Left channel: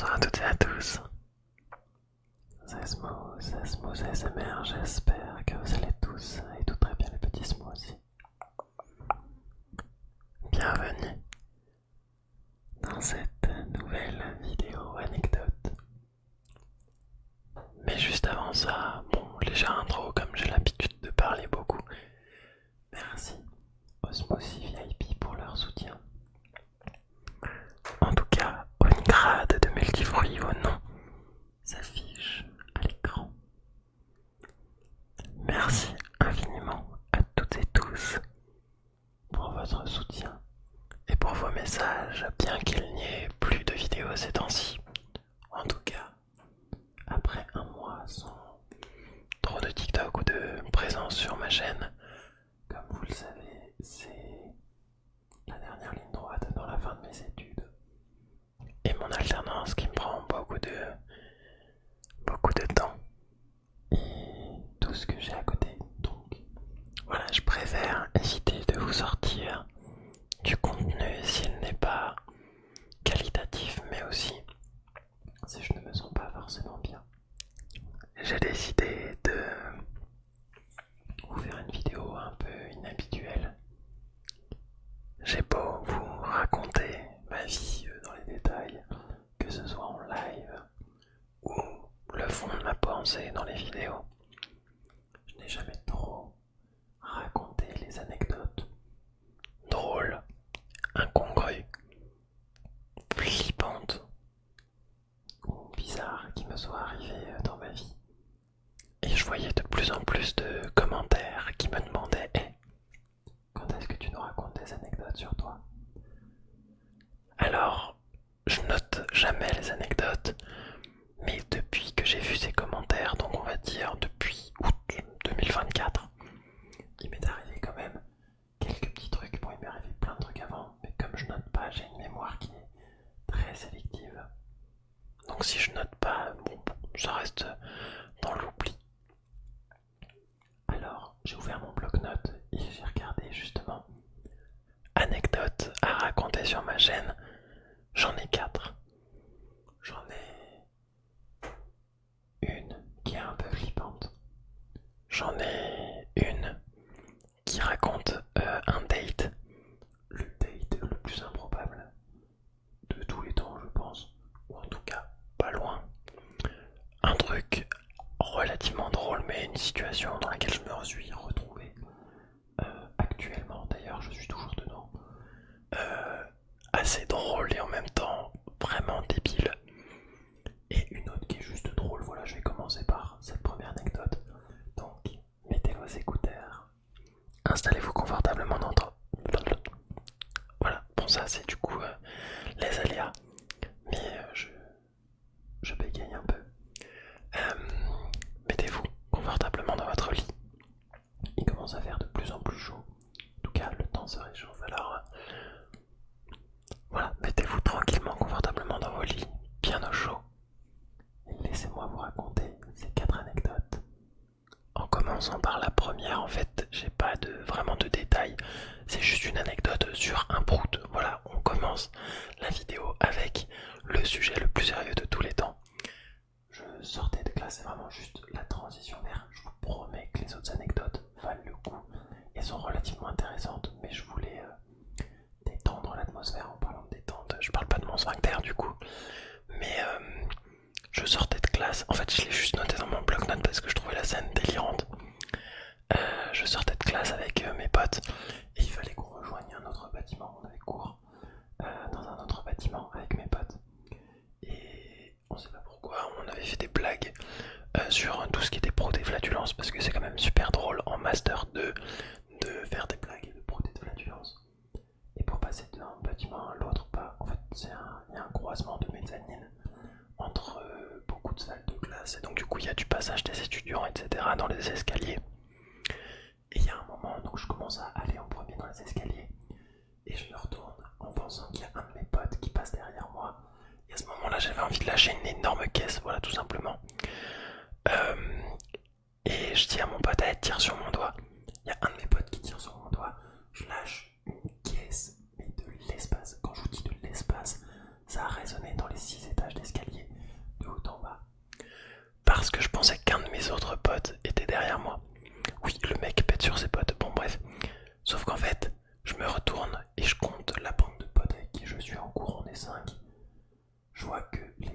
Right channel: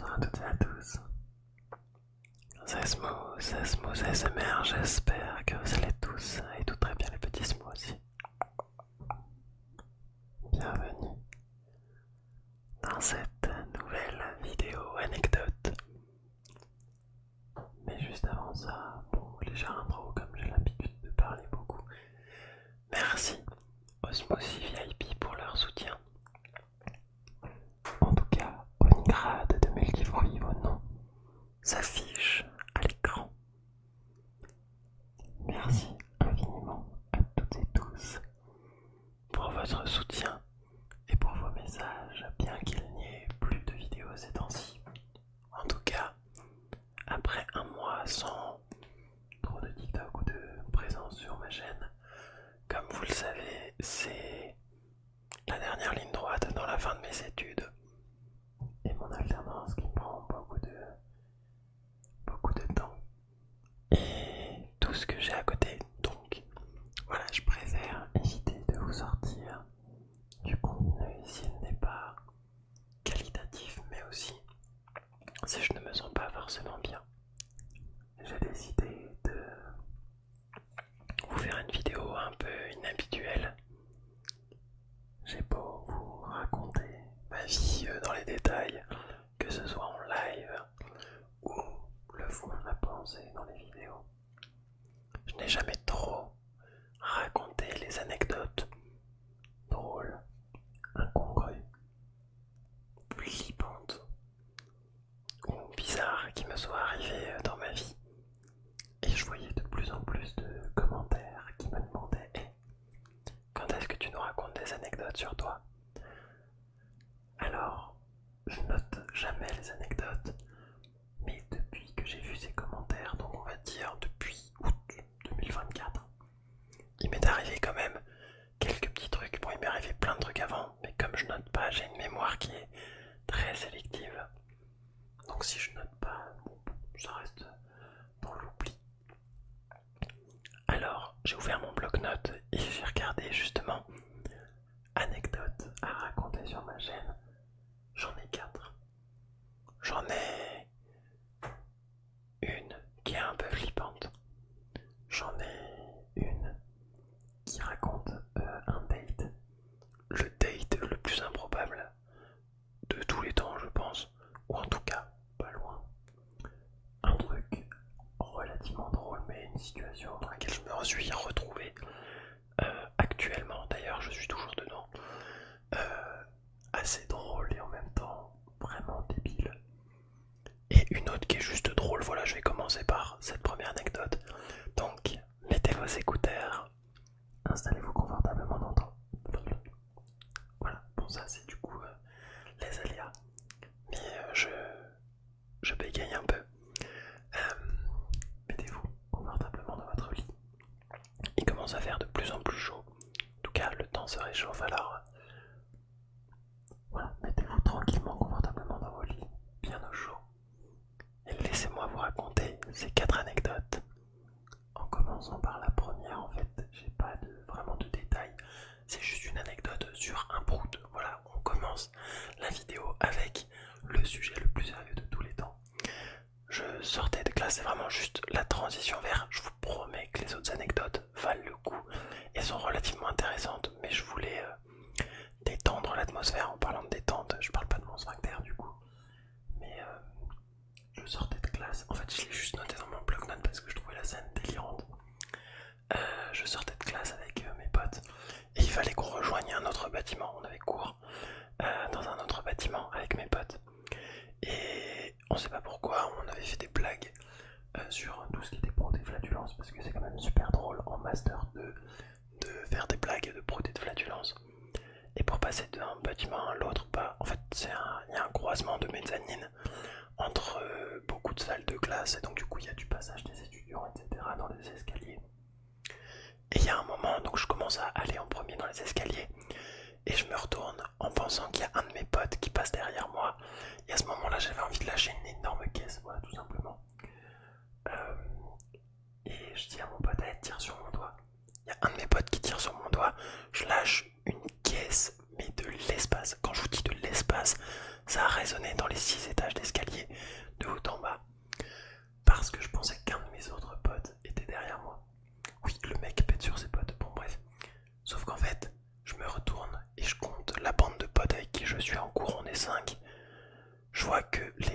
Bonsoir à toutes et à tous. C'est Smooth ASMR, j'espère que vous allez tous et tout très bien les petits smoothies. Bienvenue dans cette nouvelle vidéo anecdote. Mais juste avant ça, bon, léger intro comme j'ai l'habitude de parler beaucoup. Merci aux Smoothie VIP pour leur soutien. En tout cas, Unigrade de Multifruits, vos noms s'affichent à l'écran. Merci infiniment à toutes et tous pour votre soutien et pour vos messages, bien qu'il n'y ait plus de vidéos ces temps-ci. En tout cas, après un mois sans trop de TikTok ou de présence sur ma chaîne, comme vous le savez, c'est la dernière ligne droite dans la fin de mes études et mon alternance qui me prend beaucoup de temps et tout ce que j'ai à côté. Donc voilà, je préfère éviter de vous sortir du contenu s'il n'est pas qualitatif, mais aussi si je ne me sens pas forcément bien. J'ai décidé de vous faire une vidéo un peu inhabituelle. J'ai beau vous raconter ma vie dans les détails, que ce soit en live ou le fond de ma pensée dans les vidéos. Je n'ai jamais trop raconté les anecdotes drôles, incongrues, flippantes ou bizarres qui me soient arrivées dans ma vie. Et je voyais de plus en plus de commentaires qui me demandaient hey, quand est-ce que tu nous racontes des anecdotes sur toi? Alors, je note jamais les anecdotes, mais depuis que j'ai vu ces commentaires, donc on va dire depuis août 2024, il m'est arrivé quand même quelques petits trucs. Bon, il m'est arrivé plein de trucs avant, mais comme je note pas, j'ai une mémoire qui est très sélective. Donc si je note pas, bon, ça reste dans l'oubli. Alors, j'ai ouvert mon bloc-notes et j'ai regardé justement anecdotes à raconter sur ma chaîne. J'en ai 4. J'en ai une qui est un peu flippante. J'en ai une qui raconte un date. Le date le plus improbable de tous les temps, je pense. Ou en tout cas, pas loin. Un truc relativement drôle, mais une situation dans laquelle je me suis retrouvé actuellement. D'ailleurs, je suis toujours dedans. Assez drôle et en même temps vraiment débile. Et une autre qui est juste drôle. Voilà, je vais commencer par cette première anecdote. Donc, mettez vos écouteurs, installez-vous confortablement dans votre... Voilà, bon ça c'est du coup les aléas. Mais je bégaye un peu. Mettez-vous confortablement dans votre lit. Il commence à faire de plus en plus chaud. En tout cas, le temps se réchauffe alors. Voilà, mettez-vous tranquillement, confortablement dans vos lits, bien au chaud. Et laissez-moi vous raconter ces 4 anecdotes. En commençant par la première, en fait, j'ai pas vraiment de détails. C'est juste une anecdote sur un prout. Voilà, on commence la vidéo avec le sujet le plus sérieux de tous les temps. Je sortais de classe, c'est vraiment juste la transition vers. Je vous promets que les autres anecdotes valent le coup et sont relativement intéressantes, mais je voulais détendre l'atmosphère en parlant de détente. Je parle pas de mon sphincter du coup, mais je sortais de classe. En fait, je l'ai juste noté dans mon bloc-notes parce que je trouvais la scène délirante. Je sortais de classe avec mes potes et il fallait qu'on rejoigne un autre bâtiment. On avait cours dans un autre bâtiment avec mes potes. Et on sait pas pourquoi, on avait fait des blagues sur tout ce qui était pro des flatulences parce que c'est quand même super drôle en master 2 de faire des blagues de pro des flatulences. Et pour passer d'un bâtiment à l'autre, bah, en fait, il y a un croisement de mezzanine entre beaucoup de salles de classe et donc du coup il y a du passage des étudiants, etc. dans les escaliers. Et il y a un moment, donc je commence à aller en premier dans les escaliers et je me retourne en pensant qu'il y a un de mes potes qui passe derrière moi. Et à ce moment-là, j'avais envie de lâcher une énorme caisse, voilà, tout simplement. Euh, et je dis à mon pote, elle tire sur mon doigt. Il y a un de mes potes qui tire sur mon doigt. Je lâche une caisse, mais de l'espace. Quand je vous dis de l'espace, ça a résonné dans les 6 étages d'escalier.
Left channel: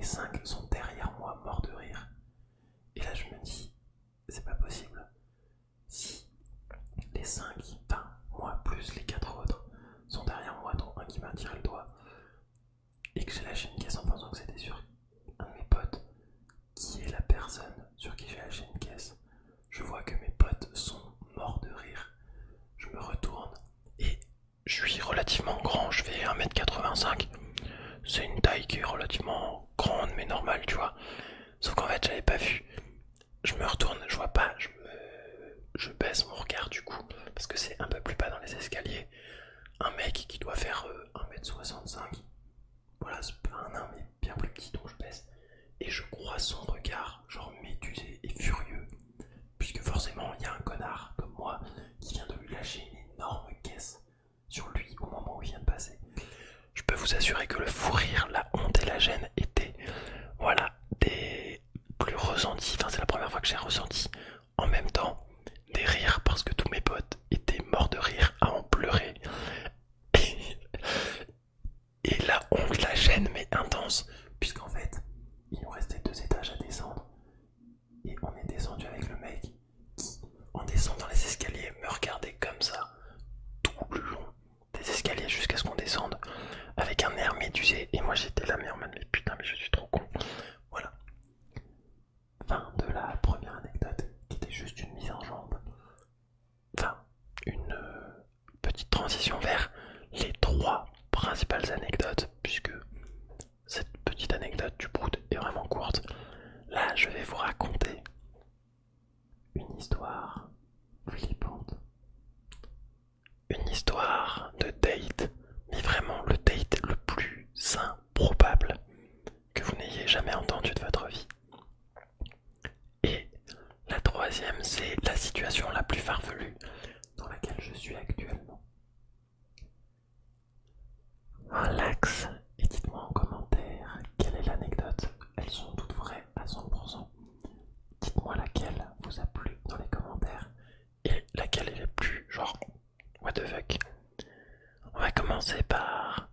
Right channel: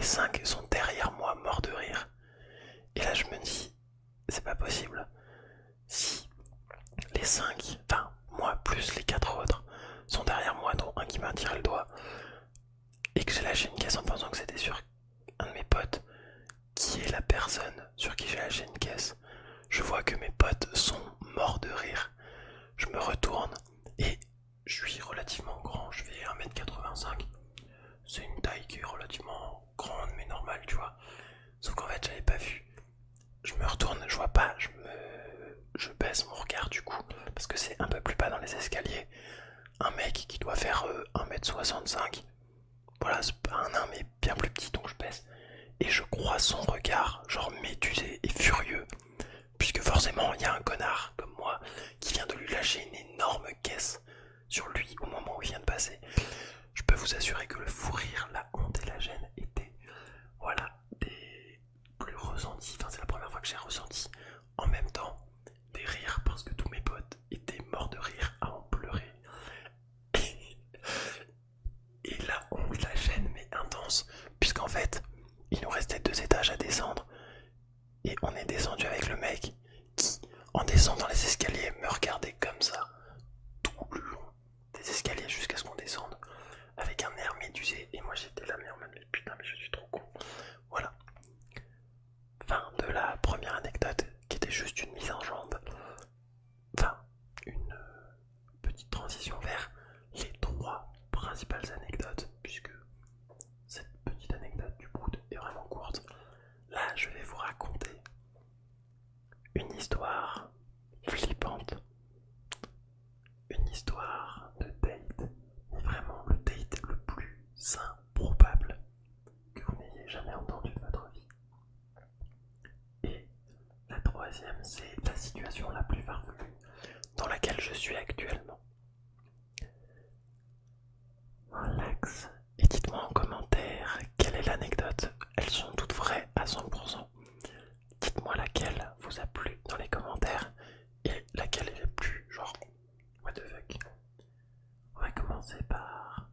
5 sont derrière moi, morts de rire. Et là, je me dis, c'est pas possible. Si les 5, enfin, moi plus les 4 autres, sont derrière moi, dont un qui m'a tiré le doigt, et que j'ai lâché une caisse en pensant que c'était sur un de mes potes, qui est la personne sur qui j'ai lâché une caisse, je vois que mes potes sont morts de rire. Je me retourne et je suis relativement grand, je fais 1m85. C'est une taille qui est relativement grande mais normale, tu vois. Sauf qu'en fait, j'avais pas vu. Je me retourne, je vois pas, je baisse mon regard du coup, parce que c'est un peu plus bas dans les escaliers. Un mec qui doit faire 1m65. Voilà, c'est pas un nain mais bien plus petit, donc je baisse. Et je crois son regard, genre médusé et furieux. Puisque forcément, il y a un connard comme moi qui vient de lui lâcher une énorme caisse sur lui au moment où il vient de passer. Je peux vous assurer que le fou rire, la honte et la gêne étaient, voilà, des plus ressentis. Enfin, c'est la première fois que j'ai ressenti en même temps des rires parce que tous mes potes étaient morts de rire à en pleurer. Et la honte, la gêne, mais intense, puisqu'en fait, il nous restait 2 étages à descendre. Et on est descendu avec le mec qui, en descendant les escaliers, me regardait comme ça, tout le long des escaliers jusqu'à ce qu'on descende, avec un air médusé. Et moi j'étais là, mais en mode, mais putain, mais je suis trop con. Voilà. Fin de la première anecdote, qui était juste une mise en jambe. Enfin, une petite transition vers les 3 principales anecdotes, puisque cette petite anecdote du Prout est vraiment courte. Là, je vais vous raconter une histoire flippante. Une histoire de date, mais vraiment le date le plus improbable que vous n'ayez jamais entendu de votre vie. Et la troisième, c'est la situation la plus farfelue dans laquelle je suis actuellement. Relax et dites-moi en commentaire quelle est l'anecdote. Elles sont toutes vraies à 100%. Dites-moi laquelle vous a plu dans les commentaires et laquelle est la plus genre what the fuck. On va commencer par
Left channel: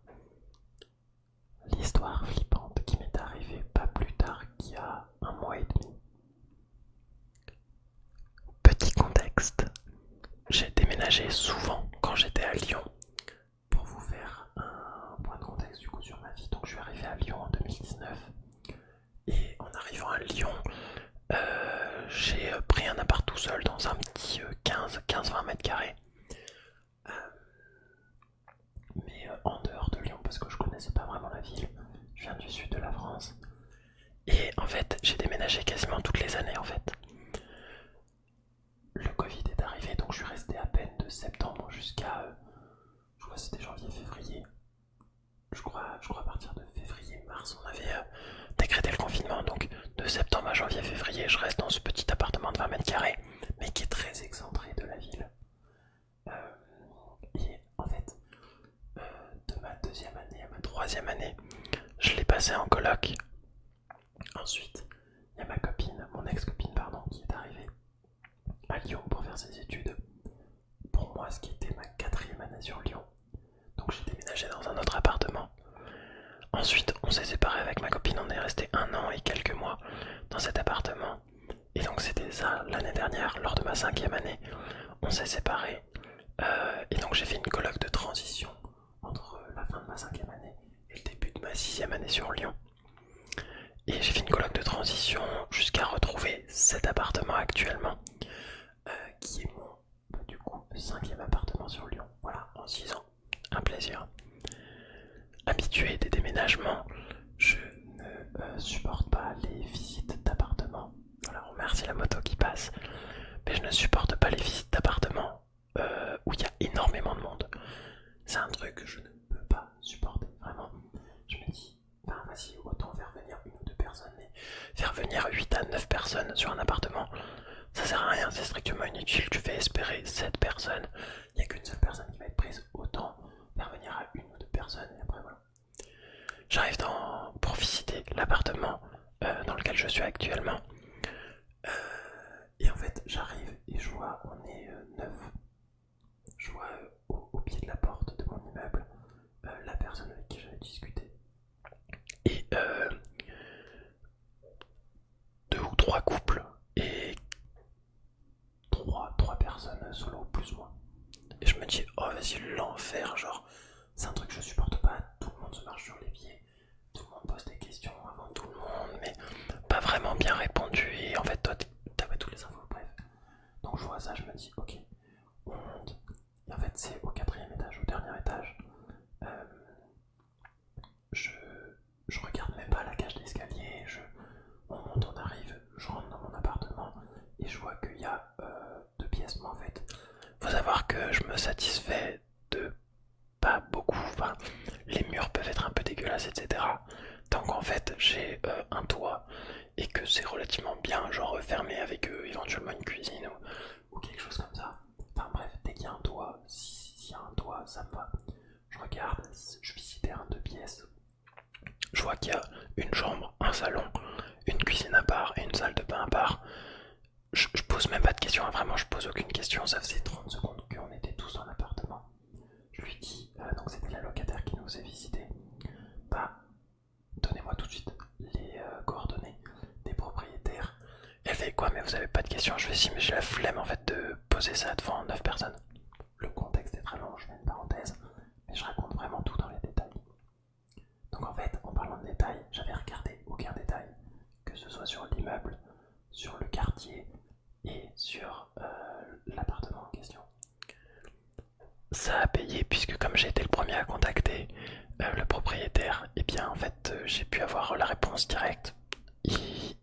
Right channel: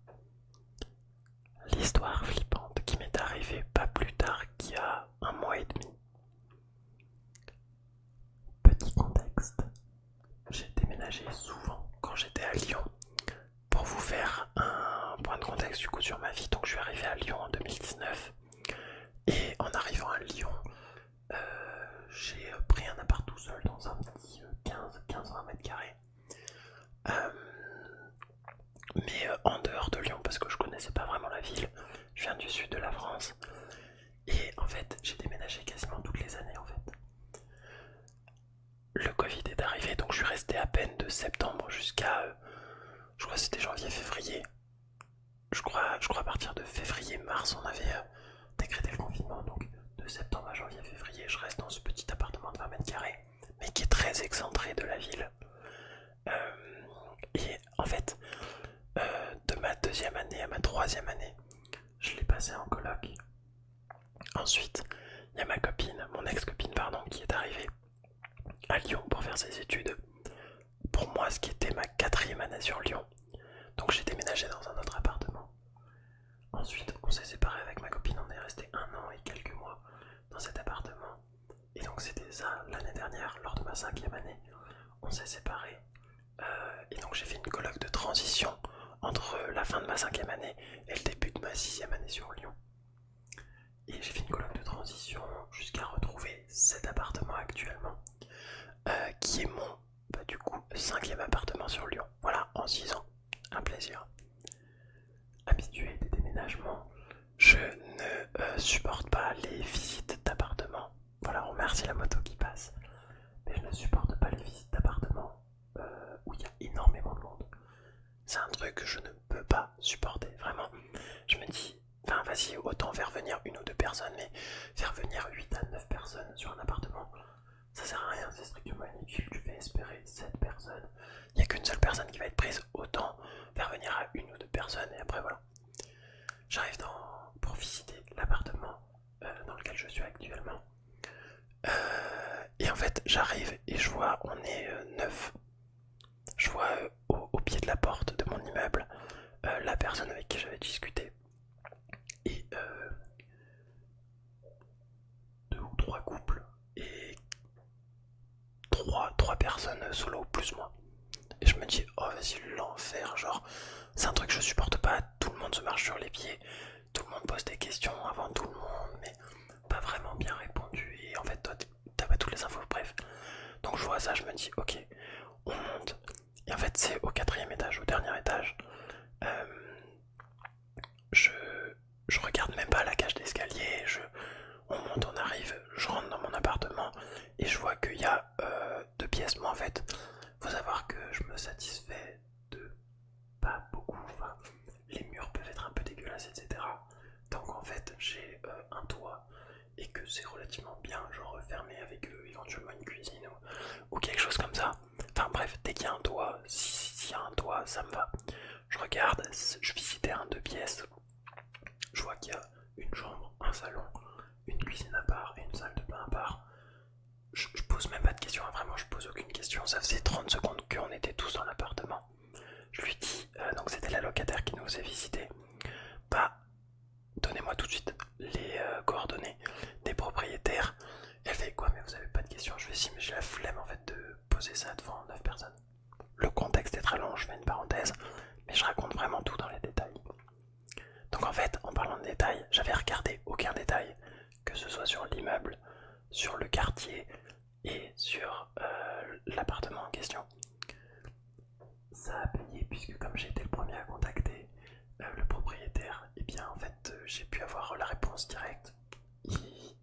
l'histoire flippante qui m'est arrivée pas plus tard qu'il y a 1 mois et demi. Petit contexte, j'ai déménagé souvent quand j'étais à Lyon. Pour vous faire un point de contexte du coup sur ma vie, donc je suis arrivé à Lyon en 2019. Et en arrivant à Lyon, j'ai pris un appart tout seul dans un petit 15-20 mètres carrés. Mais en dehors de Lyon parce que je connaissais pas vraiment la ville. Je viens du sud de la France. Et en fait, j'ai déménagé quasiment toutes les années en fait. Le Covid est arrivé, donc je suis resté à peine de septembre jusqu'à, je crois que c'était janvier-février. Je crois à partir de février-mars, on avait décrété le confinement. Donc de septembre à janvier-février, je reste dans ce petit appartement de 20 mètres carrés, mais qui est très excentré de la ville. Et en fait, de ma 2e année à ma 3e année, je l'ai passé en coloc. Ensuite, il y a ma copine, mon ex-copine pardon, qui est arrivée à Lyon pour faire ses études. Pour moi, ce qui était ma 4e année sur Lyon. Donc j'ai déménagé dans un autre appartement. Ensuite, on s'est séparés avec ma copine, on est resté 1 an et quelques mois dans cet appartement. Et donc c'était ça l'année dernière, lors de ma 5e année, on s'est séparés. Et donc j'ai fait une coloc de transition entre la fin de ma 5e année et le début de ma 6e année sur Lyon. Et j'ai fait une coloc de transition jusqu'à retrouver cet appartement actuellement, qui est mon, du coup, 5e appartement sur Lyon. Voilà, en 6 ans, un plaisir. Habitué des déménagements, je ne supporte pas les visites d'appartements. Voilà, on remercie la moto qui passe. Mais je ne supporte pas les visites d'appartements où il y a énormément de monde. C'est un truc que je ne peux pas supporter, vraiment. Je me dis, enfin vas-y, autant faire venir 1 ou 2 personnes, mais faire venir 8 à 9 personnes sur un appartement, ça sert à rien, c'est strictement inutile. Tu fais espérer 7 personnes, il n'y a qu'une seule personne qui va être prise, autant faire venir à 1 ou 2 personnes, et après voilà. J'arrive pour visiter l'appartement dans lequel je suis actuellement. Et en fait, j'arrive et je vois, on est 9. Je vois au pied de la porte de mon immeuble la personne avec qui j'avais discuté. Et monde se marche sur les pieds, tout le monde pose des questions avant tout le monde, mais pas vraiment bien répondu, et en fait toi t'as pas toutes les infos, bref. Donc je vois ça, je me dis ok, on monte, et en fait c'est au 4e étage, au dernier étage. Euh, je, je regarde même pas la cage d'escalier, on monte, on arrive, je rentre dans mon appartement, et je vois qu'il y a 2 pièces, mais en fait, faut savoir que je me satisfais de pas beaucoup, enfin, les murs peuvent être un peu dégueulasses, etc. Donc en fait, j'ai un toit et que c'est relativement bien, genre fermé avec éventuellement une cuisine ou quelque chose comme ça. Enfin bref, dès qu'il y a un toit, s'il y a un toit, ça me va. Je regarde, je visitais un 2 pièces, je vois qu'il y a une chambre, un salon, une cuisine à part et une salle de bain à part. Je pose même pas de questions, hein, vraiment je pose aucune question, ça faisait 30 secondes qu'on était tous dans l'appartement. Je lui dis, donc c'était la locataire qui nous faisait visiter, bah donnez-moi tout de suite les coordonnées des propriétaires. Elle fait quoi, mais vous avez pas de questions? Je fais si, mais j'ai la flemme en fait de poser ça devant 9 personnes. Le contexte est très long, je fais une parenthèse, mais je raconte vraiment tout dans les détails. Donc en fait, en parlant de détails, j'avais regardé aucun détail, que ce soit sur l'immeuble, sur le quartier et sur l'appartement en question. Ça a payé puisque comme j'ai été le premier à contacter le propriétaire, et bien en fait j'ai pu avoir la réponse directe.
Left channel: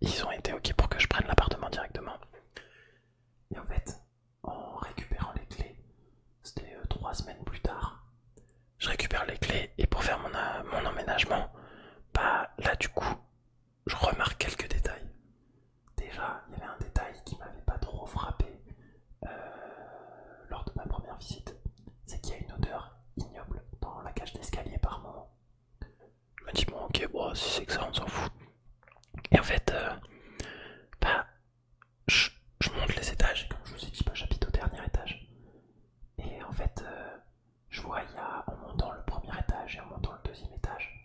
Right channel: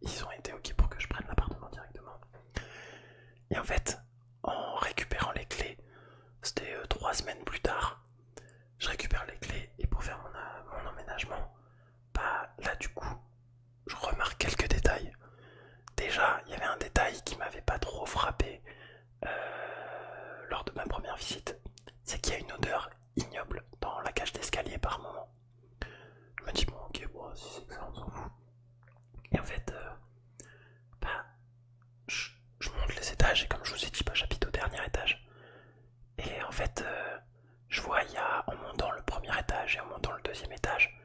Ils ont été ok pour que je prenne l'appartement directement. Et en fait, en récupérant les clés, c'était 3 semaines plus tard, je récupère les clés et pour faire mon emménagement, bah là du coup, je remarque quelques détails. Déjà, il y avait un détail qui m'avait pas trop frappé lors de ma première visite, c'est qu'il y a une odeur ignoble dans la cage d'escalier par moment. Je me dis bon ok, bon si c'est que ça on s'en fout. Et en fait, bah je, je monte les étages et comme je vous ai dit, bah, j'habite au dernier étage. Et en fait, je vois il y a en montant le premier étage et en montant le 2e étage,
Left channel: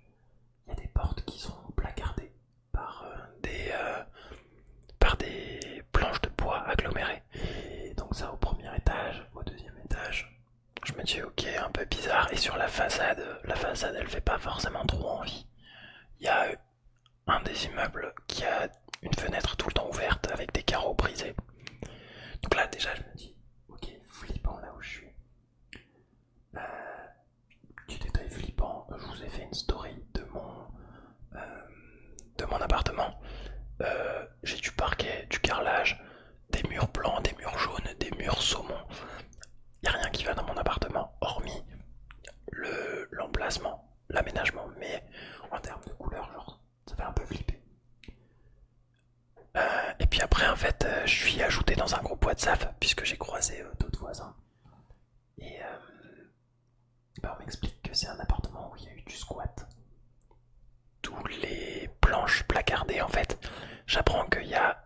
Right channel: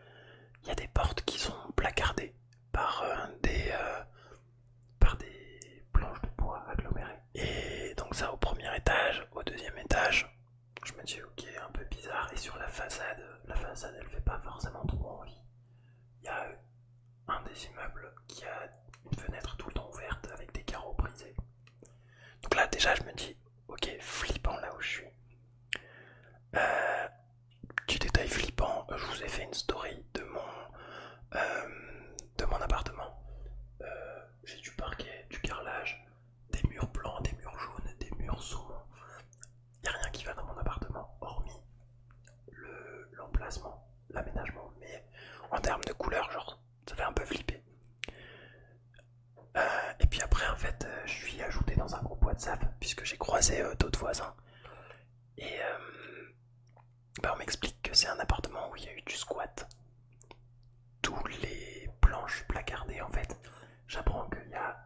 il y a des portes qui sont placardées par par des planches de bois agglomérées. Et donc ça au premier étage, au 2e étage, je me dis ok, un peu bizarre. Et sur la façade elle fait pas forcément trop envie. Il y a un des immeubles qui a une fenêtre tout le temps ouverte avec des carreaux brisés. Donc là déjà je me dis ok, flippant là où je suis. Petit détail flippant, je vous ai fait une story de mon appartement. J'ai du parquet, du carrelage, des murs blancs, des murs jaunes, des murs saumon. Il n'y a rien qui va dans mon appartement, hormis l'emplacement, l'aménagement. Mais en termes de couleur, genre, ça fait un peu flipper. Et puis après, en fait, je suis ajouté dans un groupe WhatsApp puisque j'ai croisé d'autres voisins. Et bah, on m'explique que c'est un appartement où il y a eu du squat. Tous les planches placardées, en fait. J'apprends qu'il y a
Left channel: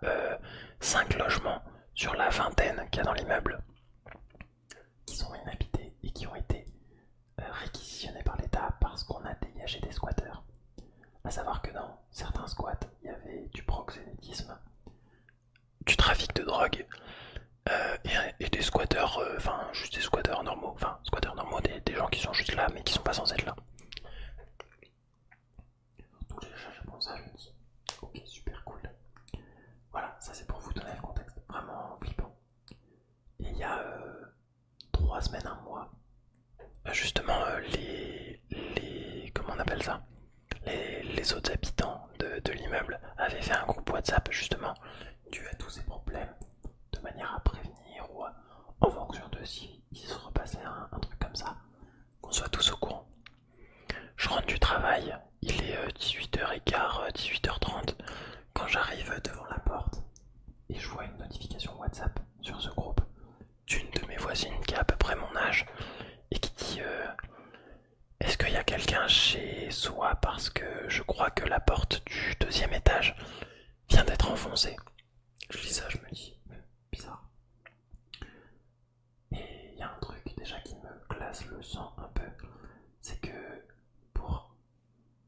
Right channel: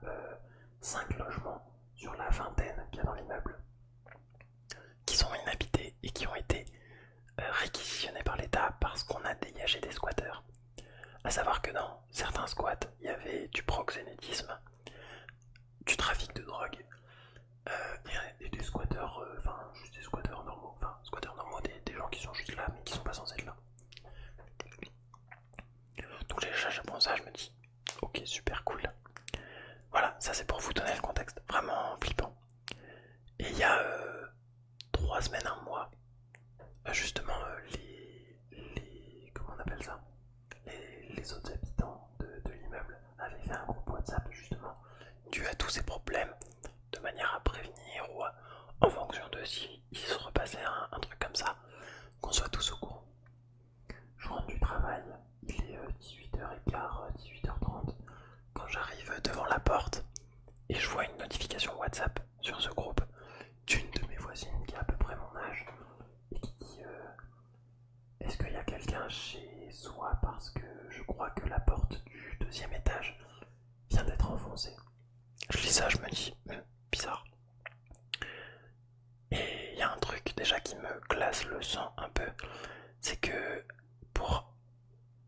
5 logements sur la vingtaine qu'il y a dans l'immeuble qui sont inhabités et qui ont été réquisitionnés par l'État parce qu'on a dégagé des squatteurs. A savoir que dans certains squats, il y avait du proxénétisme, du trafic de drogue et des squatteurs, enfin juste des squatteurs normaux, des gens qui sont juste là mais qui sont pas censés être là. Donc déjà j'apprends ça, je me dis ok, super cool. Voilà, ça c'est pour vous donner le contexte, vraiment flippant. Et il y a 3 semaines, un mois, justement comment on appelle ça, les autres habitants de l'immeuble avaient fait un groupe WhatsApp justement dû à tous ces problèmes, de manière à prévenir ou en fonction de si il se repassait un truc comme ça, qu'on soit tous au courant. Je rentre du travail, il est 18h15, 18h30, quand j'arrive devant la porte et je vois une notification WhatsApp sur ce groupe d'une de mes voisines qui a à peu près mon âge et qui dit est-ce qu'il y a quelqu'un chez soi parce que je crois que la porte du 2e étage vient d'être enfoncée. Je lis ça, je me dis bizarre. Et il y a un truc déjà qui me glace le sang un peu, c'est que pour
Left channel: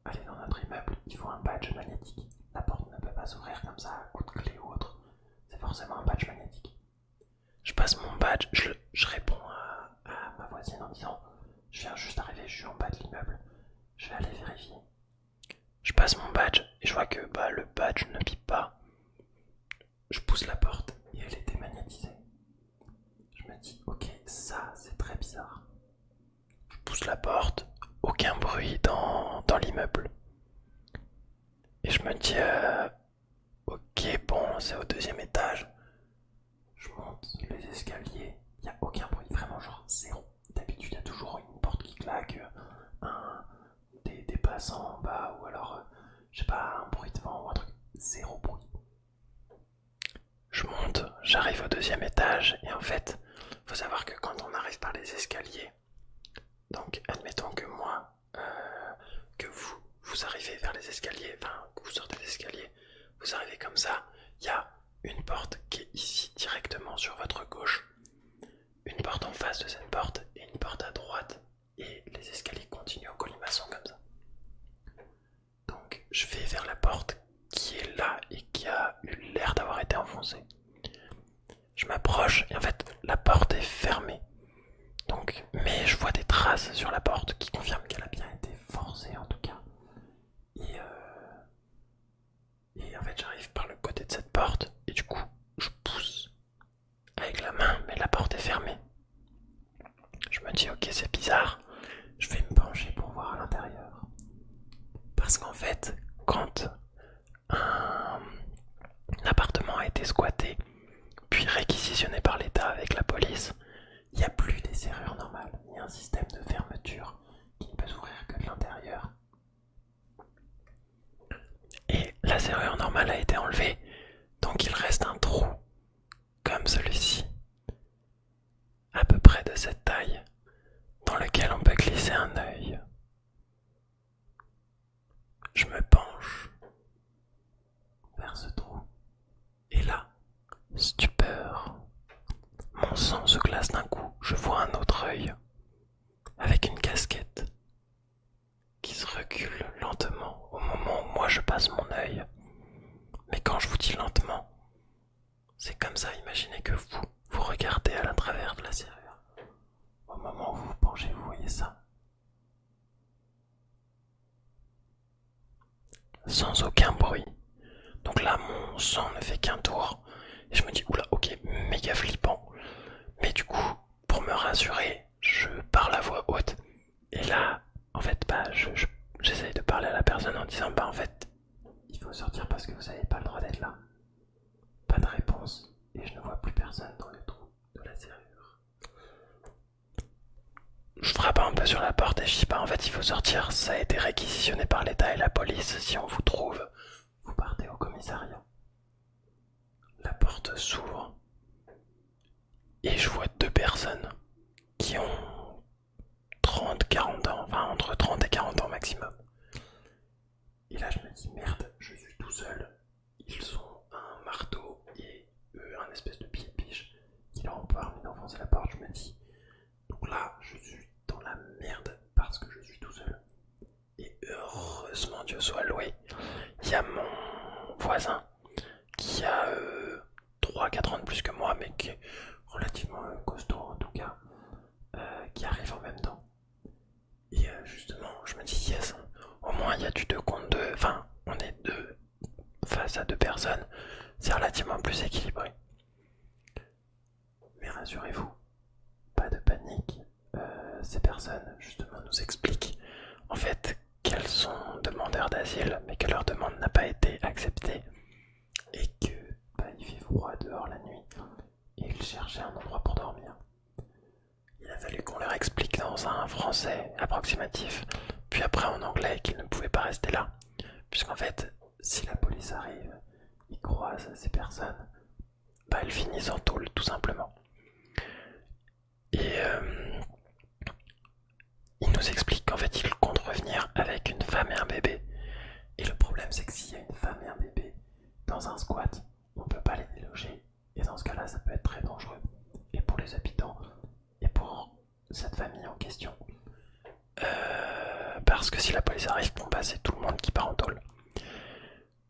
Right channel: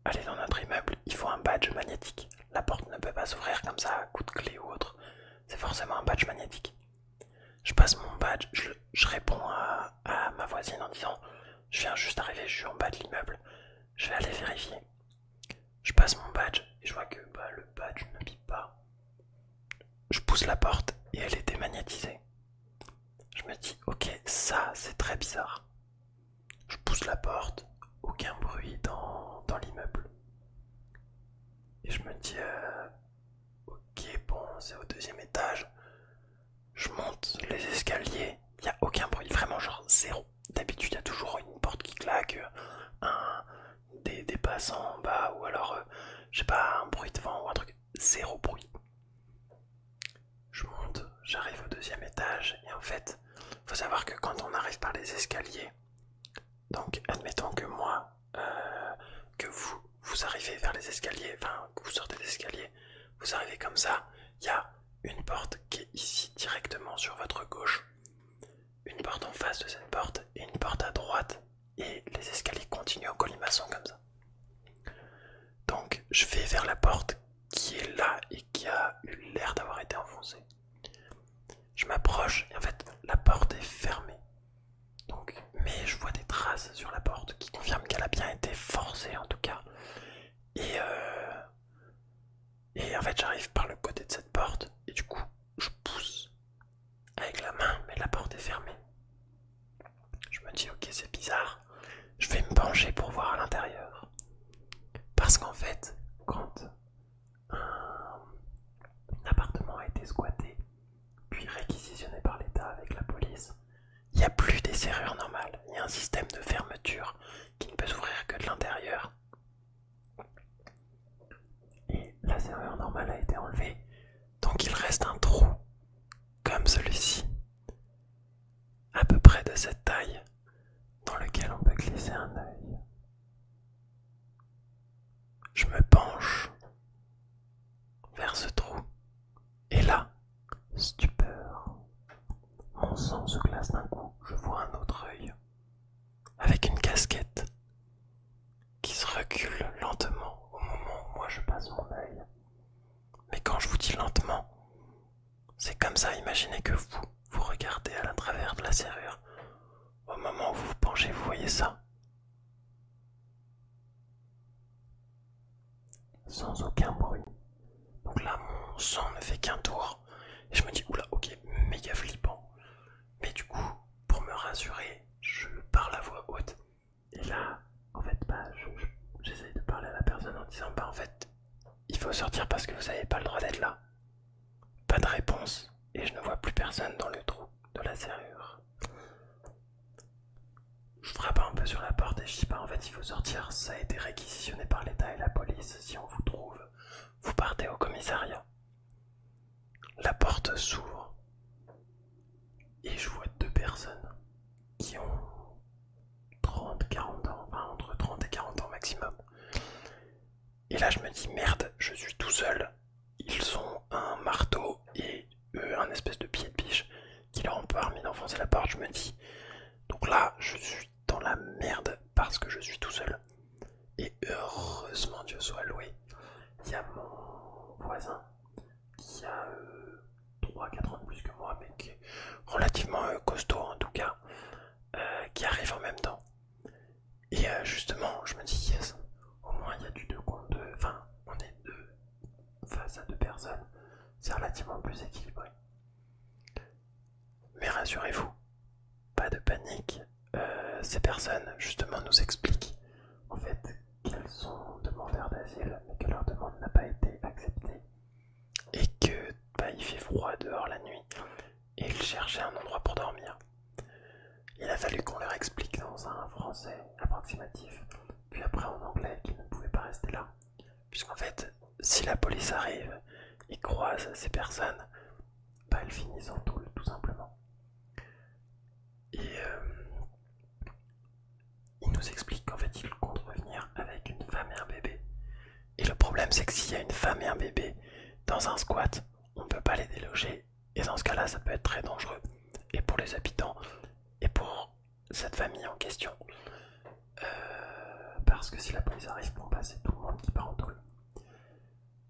aller dans notre immeuble, il faut un badge magnétique. La porte ne peut pas s'ouvrir comme ça à coup de clé ou autre. C'est forcément un badge magnétique. Je passe mon badge, je réponds à ma voisine en disant je viens juste d'arriver, je suis en bas de l'immeuble. Je vais aller passe mon badge et je vois que le badge ne bip pas. Je pousse la porte et elle est démagnétisée. Je me dis, ok, ça c'est très bizarre. Je pousse la porte, aucun bruit dans l'immeuble. Et je me dis, ok, bon, c'est au deuxième étage. Je monte les escaliers, il n'y a aucun bruit, vraiment genre zéro. D'habitude, il y a toujours une porte qui claque, des passants en bas, ou alors, je sais pas, un bruit de vent ou un truc. Zéro bruit. Je monte, j'arrive au deuxième étage, et en fait, faut savoir que quand on arrive par les escaliers, donc admettons que moi, que vous arrivez vers les escaliers, enfin, que vous sortez des escaliers, vous arrivez comme ça, il y a une porte qui est ici directement sur votre gauche, une porte en face de cette porte et une porte à droite, et les escaliers continuent en colimaçon comme ça. Donc je vais vers la porte qui est là et qui a eu l'air d'avoir été enfoncée. Je m'approche et en fait la porte est fermée. Donc, mais je vois des traces sur la porte qui confirment qu'elle a bien été forcée en tout cas. Et en fait j'arrive par le côté de cette porte et du coup je pousse avec la main mais la porte est fermée. Je me dis ok c'est bizarre, je vais me pencher pour voir à l'intérieur. Parce qu'en fait quand un appartement a été squatté puis réquisitionné par l'État avec la police, il n'y a plus des serrures normales, il y a un système de fermeture qui ne peut s'ouvrir que de l'intérieur. Et la serrure normale a été enlevée, donc il reste un trou, comme celui-ci, à peu près de cette taille, dans lequel on peut glisser un œil. Je me penche vers ce trou, et là, stupeur, mon sang se glace d'un coup, je vois un autre œil, avec une casquette, qui se recule lentement au moment où moi je passe mon œil. Mais quand je vous dis lentement, c'est comme ça, imaginez que vous regardez à travers de la serrure. Au moment où vous vous penchez, vous voyez ça. Sans aucun bruit. Donc là, mon sang ne fait qu'un tour. Et je me dis, oula, ok, méga flippant. Mais du coup, pour me rassurer, je parle à voix haute. Et là, en fait, j'essaye de parler à la personne en disant, en fait, il faut sortir parce que vous n'avez pas le droit d'être là. Pas de réponse. Et je ne vois plus personne dans le trou de la serrure. Je frappe un peu sur la porte et je dis en fait il faut sortir, ça a été réquisitionné par l'État et la police, si on vous trouve, vous partez au commissariat. La porte s'ouvre et je vois deux personnes qui ont 30, 40 ans, enfin entre 30 et 40 ans maximum. Et là je me dis merde, je suis tout seul. Ils ont un marteau et un espèce de pied de biche qui leur ont permis d'enfoncer la porte, je me dis. Donc là je suis dans la merde parce que je suis tout seul. Et heureusement Dieu soit loué, il y a mon voisin qui a 3-4 ans de plus que moi, mais qui est relativement costaud en tout cas, qui arrive en même temps. Et justement, je me dis yes, au moins il y a du 2 contre 2, enfin on est deux face à deux personnes, c'est relativement plus équilibré. Mais rassurez-vous, pas de panique, ces personnes justement nous expliquent en fait qu'elles sont demandeurs d'asile mais que leur demande n'a pas été acceptée et que il fait froid dehors la nuit et ils cherchaient un endroit pour dormir. Il a fallu qu'on leur explique dans un français approximatif puis après en anglais qu'ils ne pouvaient pas rester là puisqu'en fait si la police arrive et croise ces personnes, elles finissent en tôle tout simplement. Et il nous explique qu'en fait il compte revenir avec une femme et un bébé. Et le problème c'est que s'il y a une femme et un bébé dans un squat, on ne peut pas les déloger. Et dans ce cas là ça peut être très dangereux. Et pour les habitants et pour cette famille en question. Parce que si la police arrive, c'est tout le monde qui part en tôle.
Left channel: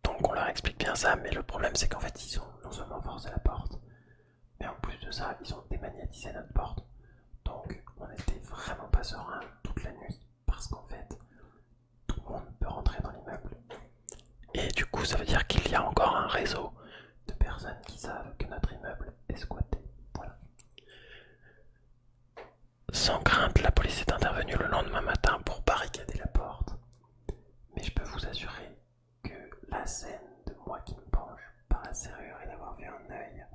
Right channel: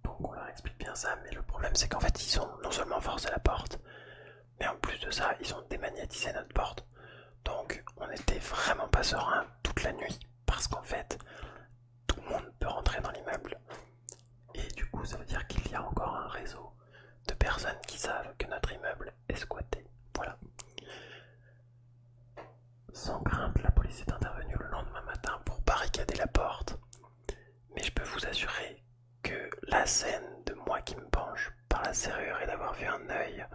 Donc on leur explique bien ça, mais le problème c'est qu'en fait ils ont non seulement forcé la porte, mais en plus de ça ils ont démagnétisé notre porte. Donc on n'était vraiment pas serein toute la nuit parce qu'en fait tout le monde peut rentrer dans l'immeuble Et du coup, ça veut dire qu'il y a encore un réseau de personnes qui savent que notre immeuble est squatté. Voilà. Sans crainte, la police est intervenue le lendemain matin pour barricader la porte. Mais je peux vous assurer que la scène de moi qui me penche par la serrure et d'avoir vu un œil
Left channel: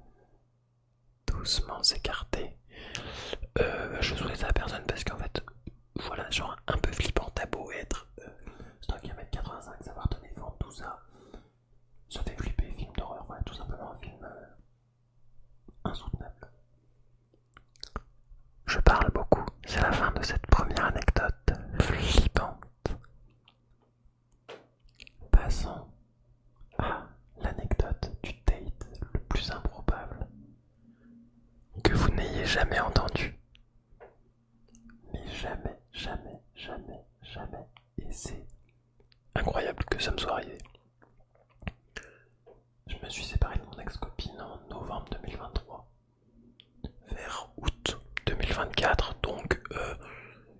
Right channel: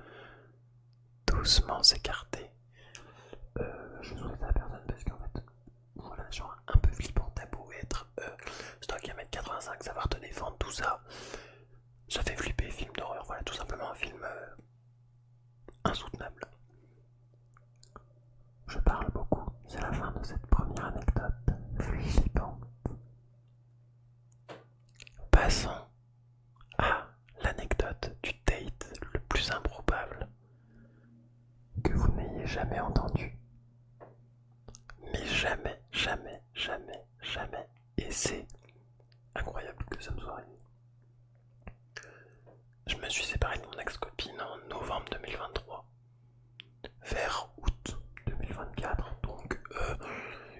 doucement s'écarter, je souhaite ça à personne parce qu'en fait, voilà, genre un peu flippant, t'as beau être stock 1m85, savoir te défendre, tout ça, ça fait flipper, film d'horreur, voilà, tout simplement un film insoutenable. Je parle beaucoup, c'est la fin de cette première anecdote flippante. Passons à l'anecdote du date le plus improbable que vous n'ayez jamais entendu. Mais jamais, jamais, jamais, jamais. Et c'est incroyable que ça me soit arrivé. Je me suis séparé de mon ex-copine en novembre 2023. Vers août 2024, donc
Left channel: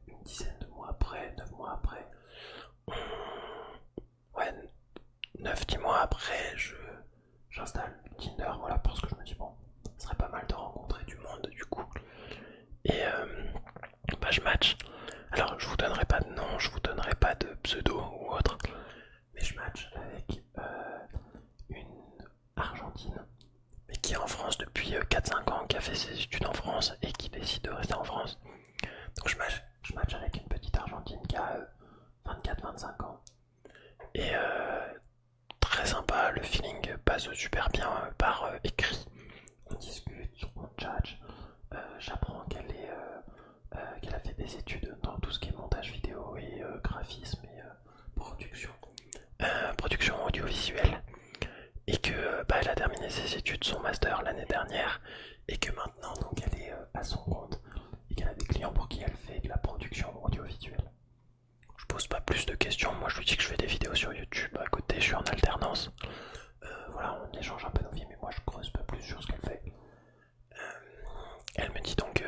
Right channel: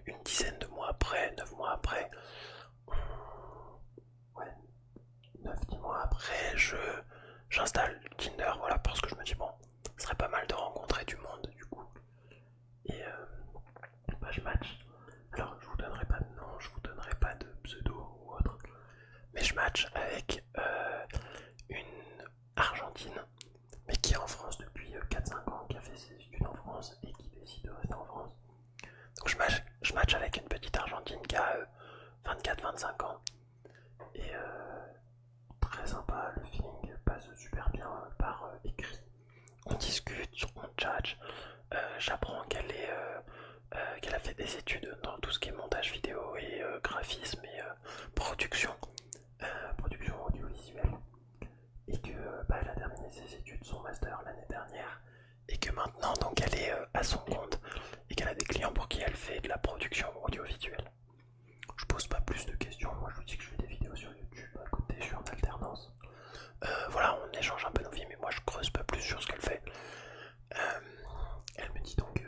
une dizaine de mois après, 9 mois après, ouais, 9-10 mois après, j'installe Tinder, voilà, parce que je me dis, bon, ce serait pas mal de rencontrer du monde du coup. Et bah, je match. Alors, je vous donnerai pas de nom, je vous donnerai pas de pseudo ou autre, mais je match avec une Argentine, mais qui est en France depuis 4-5 ans, qui a fait ses études en France et qui décide de rester en France. Donc je match avec une petite Argentine qui a 24-25 ans. Et très sympa, le feeling passe super bien par écrit. On discute, on tchatche. J'apprends qu'elle a fait des études dans tout ce qui est montage vidéo et graphisme et production, production audiovisuelle. Et que bah, elle a terminé ses études, son master l'année dernière. Et que maintenant donc elle est à son compte. Et qu'elle a des clients pour qui elle fait de la production audiovisuelle. Je pose pas plus de questions, moi je lui dis que je fais des vidéos sur YouTube, à côté je suis en alternance. Voilà, on échange un peu nos vies, mais moi je creuse pas plus sur ce qu'elle fait. Elle me dit donc,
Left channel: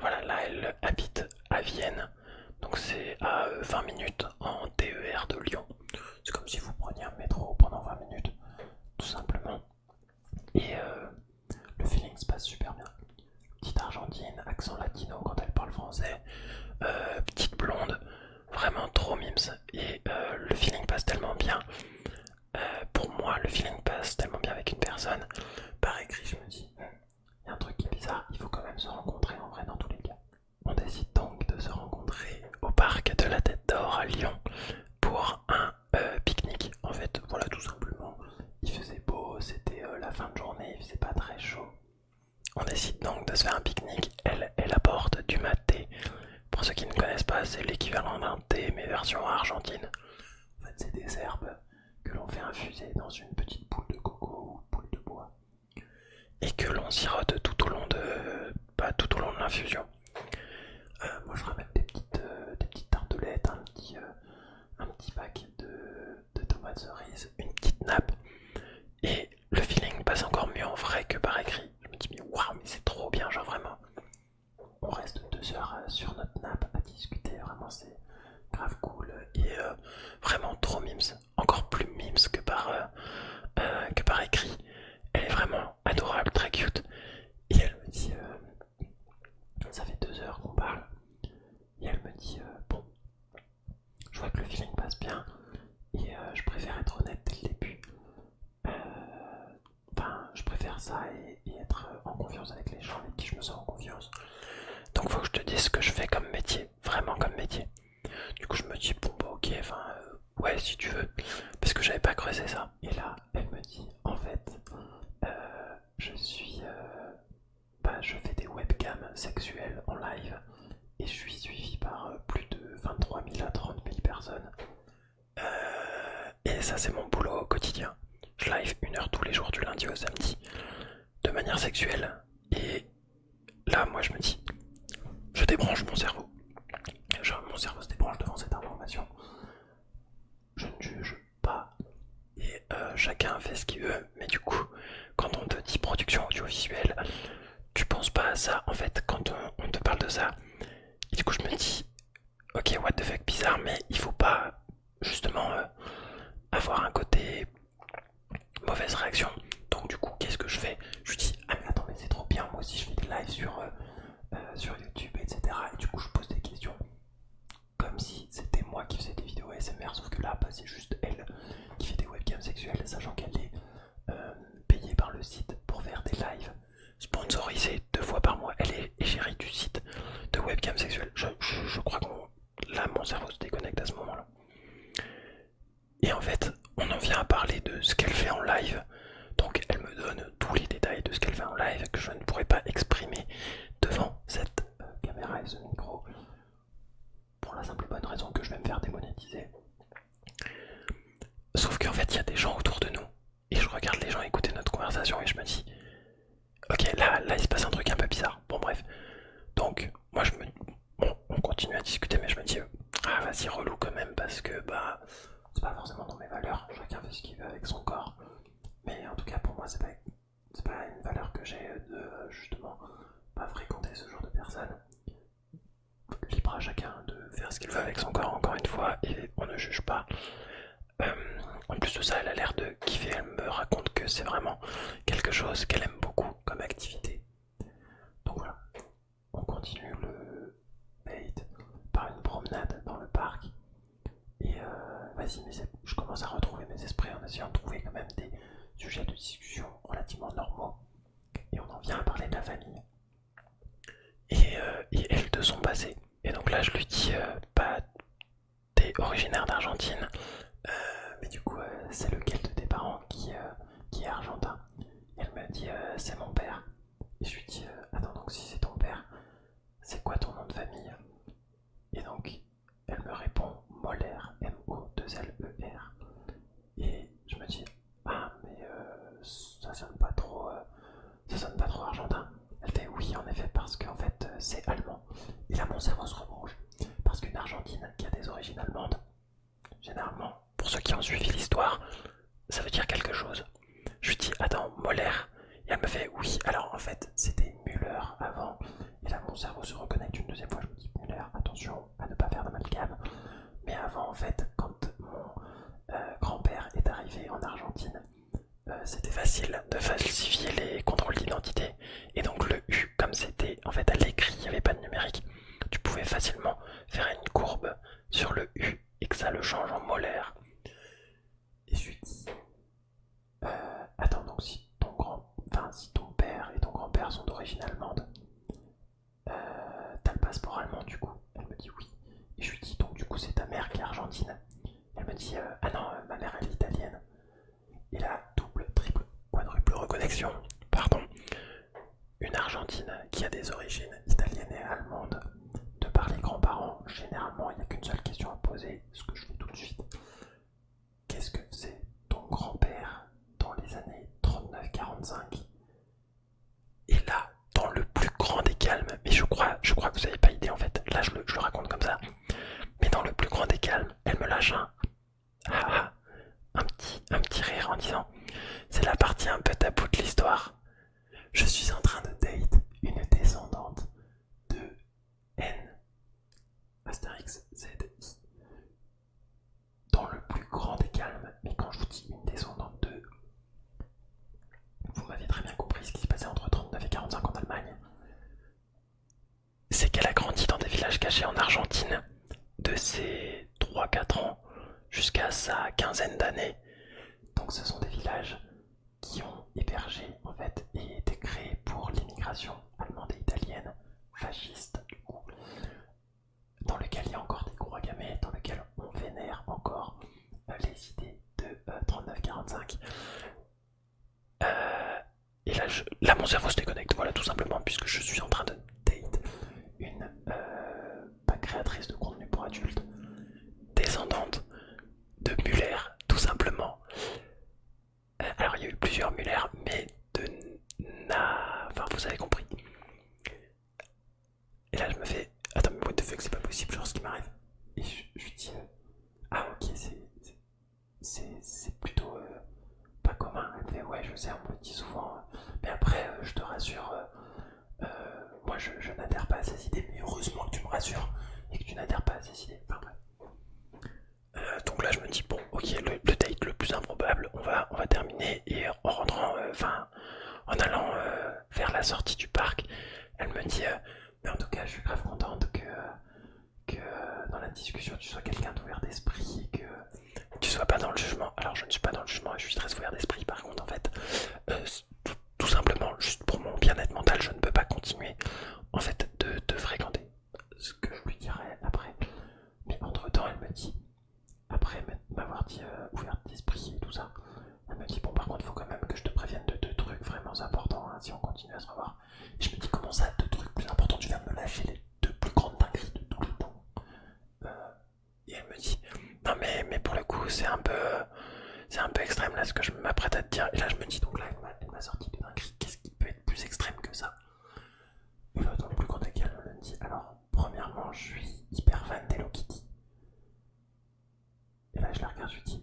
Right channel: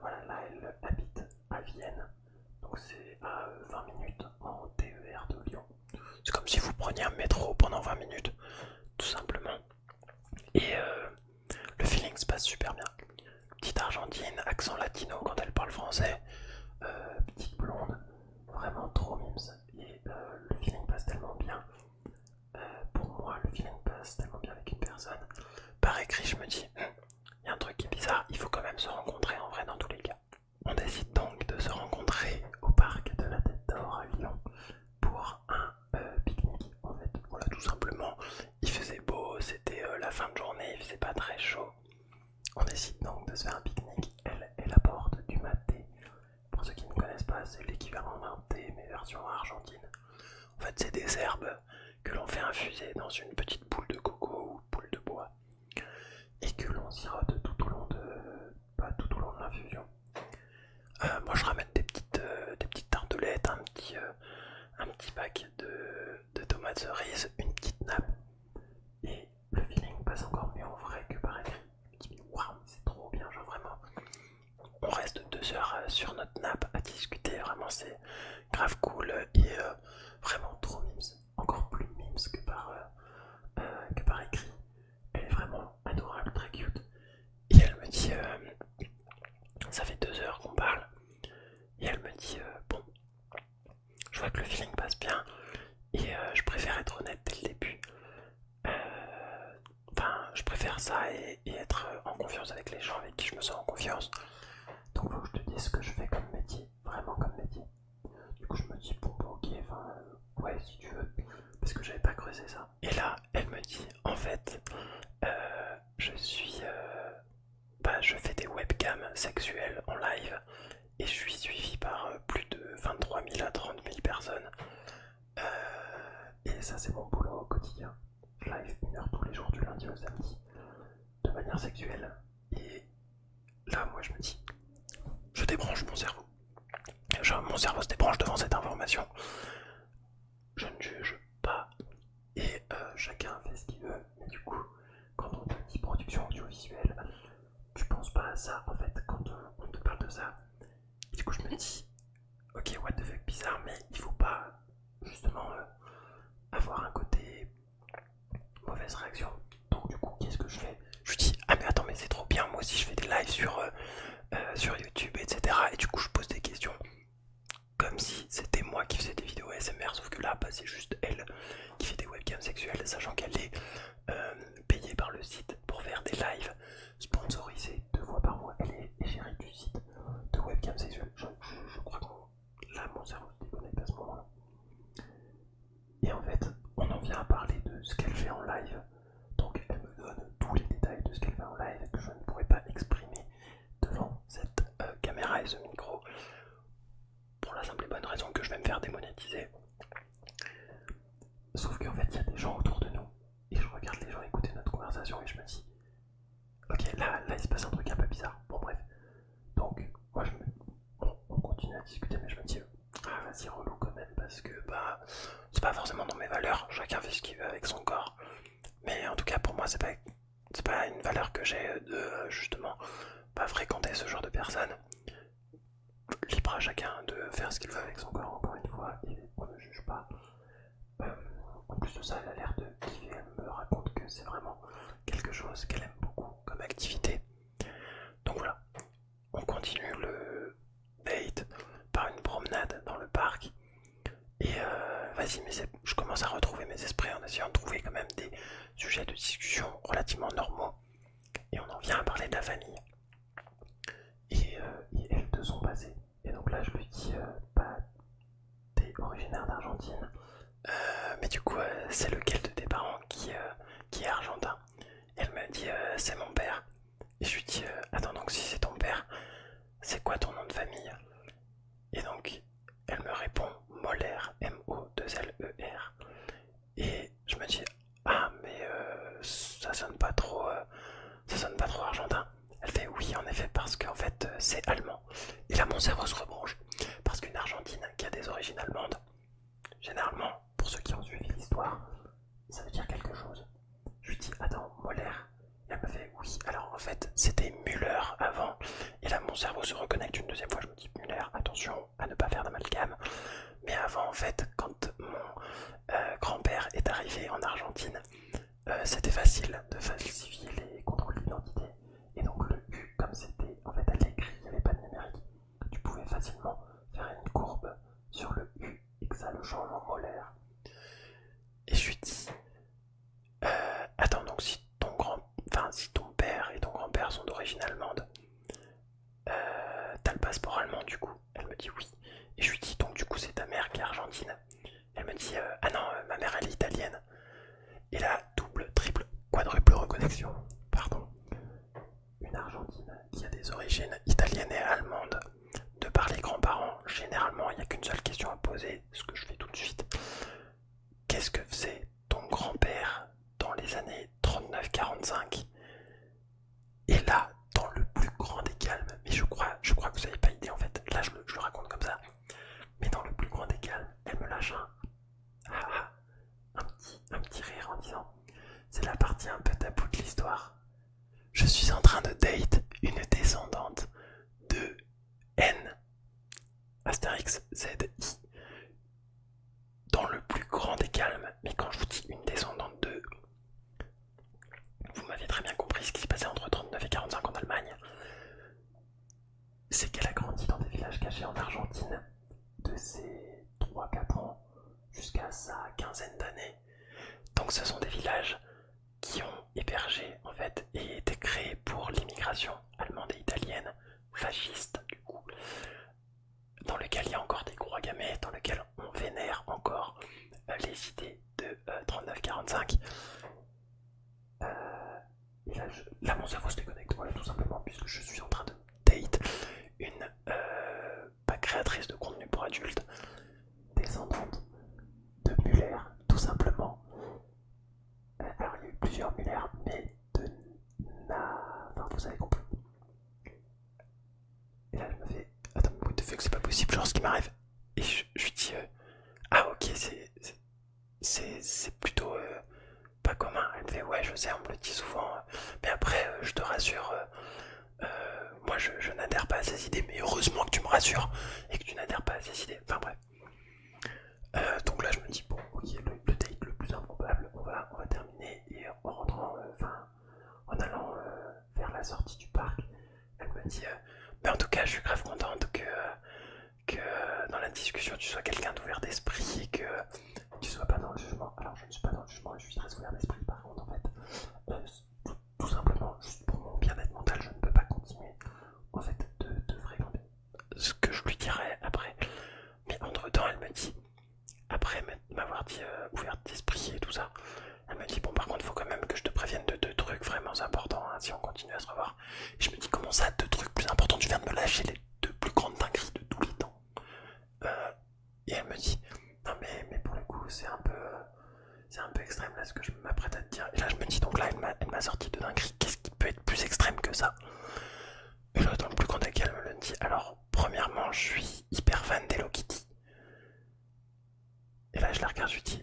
voilà, là elle habite à Vienne, donc c'est à 20 minutes en TER de Lyon. C'est comme si vous preniez un métro pendant 20 minutes, tout simplement. Et le feeling se passe super bien. Petite Argentine, accent latino quand elle parle français, petite blonde, vraiment trop mimes. Et le feeling passe tellement bien. Pour moi, le feeling passe tellement bien avec une personne. Par écrit, je me dis, il y a un truc qui est bizarre, il faut quand même se rencontrer en vrai dans tous les cas. On décide donc de se rencontrer au parc de la Tête d'Or à Lyon pour un pique-nique. En fait, voilà, tout simplement, il faisait beau, c'était la fin de journée, il faisait pas très chaud. On décide donc de se faire un pique-nique. Elle apporte du maté. Pour ceux qui ne connaissent pas, c'est l'équivalent d'un thé, mais version argentine. En fait, c'est des herbes que l'on fait infuser dans une petite boule de coco ou boule de bois et que l'on sirote tout au long de, pas tout au long de l'infusion. Moi, je ramène des petites tartelettes, un petit pack de tomates cerises, une petite nappe. Et le feeling passe encore mieux en vrai que par écrit. Je me dis, mais waouh, mais c'est trop bien, genre vraiment. On reste 2 heures sur notre nappe à discuter, vraiment c'est grave cool et vraiment trop mimes. Encore plus mimes que par écrit. Elle est vraiment adorable, très cute. Et elle me dit, ça fait 2 heures qu'on parle. Et elle me dit, bon, je vois que le feeling passe bien. Et je préfère être honnête dès le début. Enfin, je préfère ça et être en confiance avec les gens avec qui je me sens en confiance. Donc faut que je te dise ce que je fais comme métier, vraiment comme métier. Du coup je me dis bon bah ok, enfin ouais si tu veux, parce que j'avais pas creusé ça. Et là elle me dit en fait je fais des webcams sexuelles en live et je suis suivi par plus de 23 000 à 30 000 personnes. Et ça c'est mon boulot au quotidien. Je live 1 heure tous les jours du lundi au samedi de manière sexuelle. Et là moi je me dis, je débranche mon cerveau. Genre, mon cerveau se débranche devant cette information. Je ne juge pas. Et chacun fait ce qu'il veut. Mais du coup, quand on te dit production audiovisuelle, tu penses pas à ça en fait quand on te parle de ça. Et du coup, je me dis, ok, what the fuck, bizarre, mais il faut pas justement avoir un côté mauvaise réaction. Donc du coup, qu'est-ce que je fais? Je lui dis, ah mais attends, mais c'est trop bien, moi aussi je fais des lives sur YouTube, etc. Et du coup, je pose des questions comme si c'était moi qui faisais des vidéos ASMR, sauf que là, bah, c'est juste elle qui fait des webcams sexuelles, sachant qu'elle est payée par le site pour faire des lives sponsorisés 2 fois par mois. Elle est égérie du site de webcams sexuelles. Je crois que là, mon cerveau se déconnecte à ce moment-là. Et en fait, on en vient à parler de ce qu'elle fait en live. Donc elle me donne tous les détails de ce qu'elle fait en live que je ne pourrais pas exprimer devant cette caméra et ce micro, pour la simple bonne raison que je vais me faire démonétiser. Sauf qu'en fait, il y a des gens autour de nous. Et je regarde les gens écouter notre conversation et je me dis, ok, là il se passe un truc un peu bizarre. Bon bref. Donc moi bon, on continue à discuter, mais je me dis, ah vas-y, relou quand même, parce que bah c'est pas forcément dans mes valeurs. Chacun fait ce qu'il veut avec son corps. Mais en tout cas pour moi c'est pas une valeur que j'ai de justement pas fréquenter ce genre de personnes. Libre à chacun de faire ce qu'il veut avec son corps, encore une fois, et on ne juge pas. Euh, En plus de ça, elle a l'air de kiffer, elle me raconte que c'est vraiment quelque chose qu'elle aime beaucoup comme activité. Donc voilà, on continue le date par une promenade dans le parc. Et vas-y, mais je commence à retrouver mes esprits en essayant de trouver quand même des sujets de discussion relativement normaux. Et on en vient à parler de la famille. Et elle de son passé. Et donc là, je lui dis, bah, t'es originaire d'Argentine, mais du coup, c'est lequel de tes parents qui est argentin? Elle me dit, c'est mon père. Et je lui dis, attends, donc si c'est ton père, c'est quoi ton nom de famille? Et donc, elle me répond Moller, M-O-2-L-E-R. Et je me dis, ah, mais ça sonne pas trop argentin. Elle fait oui, en effet, parce qu'en fait, c'est allemand. Et là, mon cerveau se rebranche. Parce qu'une Argentine qui a des origines allemandes, généralement, pour ceux qui ont suivi l'histoire, ça veut dire quelque chose. Je lui dis, attends, Moller. Et elle me fait, oui, alors en fait, c'était Müller avant. Et là, mon cerveau se reconnecte une deuxième fois. Je me dis, Müller, attention à ne pas faire d'amalgame. Mais avant, en fait, quand mon grand-père est arrivé en Argentine, c'était facile de falsifier les contrôles d'identité. Et donc le U, comme c'était en fait à l'écrit, il n'y avait pas de numérique, tu pouvais facilement faire une courbe sur le U et que ça le change en molaire. Et je lui dis, attends, donc si ton père et ton grand-père sont d'origine allemande, t'as le passeport allemand du coup? Elle me dit oui. Et je lui dis, donc du coup c'est ta mère qui est argentine? Elle me dit, ah non, ma mère elle est italienne. Et là, double, triple, quadruple reconnexion, pardon. Une Argentine qui a des origines italiennes et allemandes, de par les grands-parents, généralement il n'y a qu'une seule question à poser, ce que je fais tout de suite. Qu'est-ce que faisait ton grand-père dans les années 39-45? Et là, dans le plus grand des calmes, mais je crois que vous n'avez pas idée en fait, là je le raconte comme ça, mais dans le plus grand des calmes, elle me lâche un petit rire en disant, c'est la partie un peu taboue de l'histoire. Je suis en train de date une descendante de N Astérix ZI dans le plus grand des calmes. Mais quand je vous dis une descendante de, vous m'avez très bien compris ce qui se passait entre 39 et 45 en Allemagne. C'est qu'elle a grandi dans des villages cachés en Argentine de ses 3-4 ans jusqu'à sa quinzaine d'années. Donc ce sont des villages qui ont hébergé en fait et été créés pour l'immigration allemande et italienne fasciste du coup, dans lequel il y a encore des gamets, dans lequel on vénère encore les idées de 39-45. Et là mon cerveau se déconnecte, voilà, tout simplement, puisque je suis en train de date une pas créatrice de contenu pour adultes, descendante de Muller, tout simplement. Alors il y a eu plusieurs Muller, mais de enfin vous avez compris. Et là je me fais, attends mais what the fuck, c'est pas possible, genre ce qui m'arrive. Et je lui dis, ah ok, c'est plutôt pas commun. Elle me fait, ouais je sais, on me le dit souvent, mais après je te rassure, moi je n'adhère pas à ces idées, mais heureusement que tu me rassures et que tu n'adhères pas à ces idées. Enfin bref. Donc là je me dis, bon ok, le date extrême là ce que je m'apprête à te dire. Et là je me dis donc là elle m'a sorti de dinguerie. Qu'est-ce qui peut être plus extrême que ça? Et là dans le plus grand des calmes elle me dit alors premièrement je suis hyper fan d'Hello Kitty. Et là je la regarde, je lui dis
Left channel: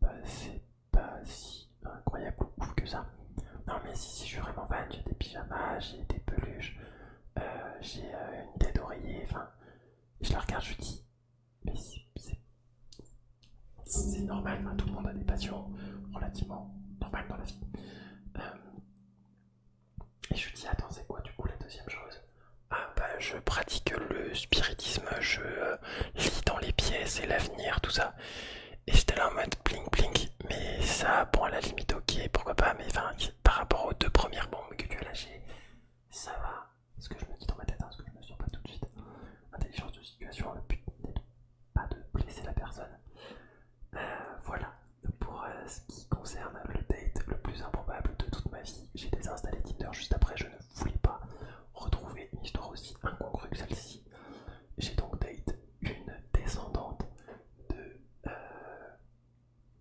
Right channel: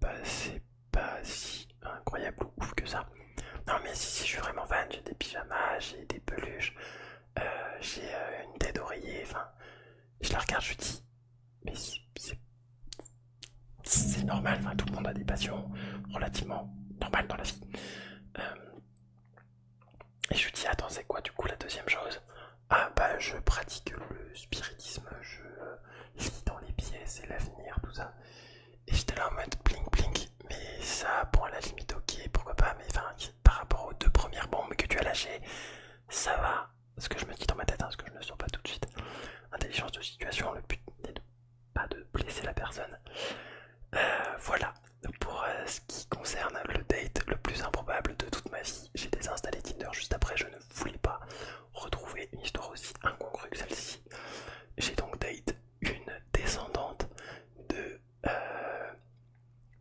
bah c'est pas si incroyable ou ouf que ça. Non mais si je suis vraiment fan, j'ai des pyjamas, j'ai des peluches, j'ai une tête d'oreiller, enfin je la regarde, je lui dis mais c'est normal, enfin, tout le monde a des passions relativement normales dans la vie. Euh, et je lui dis attends c'est quoi du coup la deuxième chose? Ah bah je pratique le spiritisme, je lis dans les pièces et l'avenir, tout ça. Et j'étais là en mode blink blink, mais ça bon à la limite ok pourquoi pas, mais enfin par rapport aux deux premières bombes que tu as lâchées, ça va. Ce que je me dis dans ma tête, ce que je ne sens pas tout de suite. Intelligence de situation, le but n'est pas de blesser la personne. Voilà, pour ce qui concerne le date le plus improbable de toute ma vie. J'ai désinstallé Tinder juste après, je ne voulais pas retrouver une histoire aussi incongrue que celle-ci. J'ai donc date une descendante de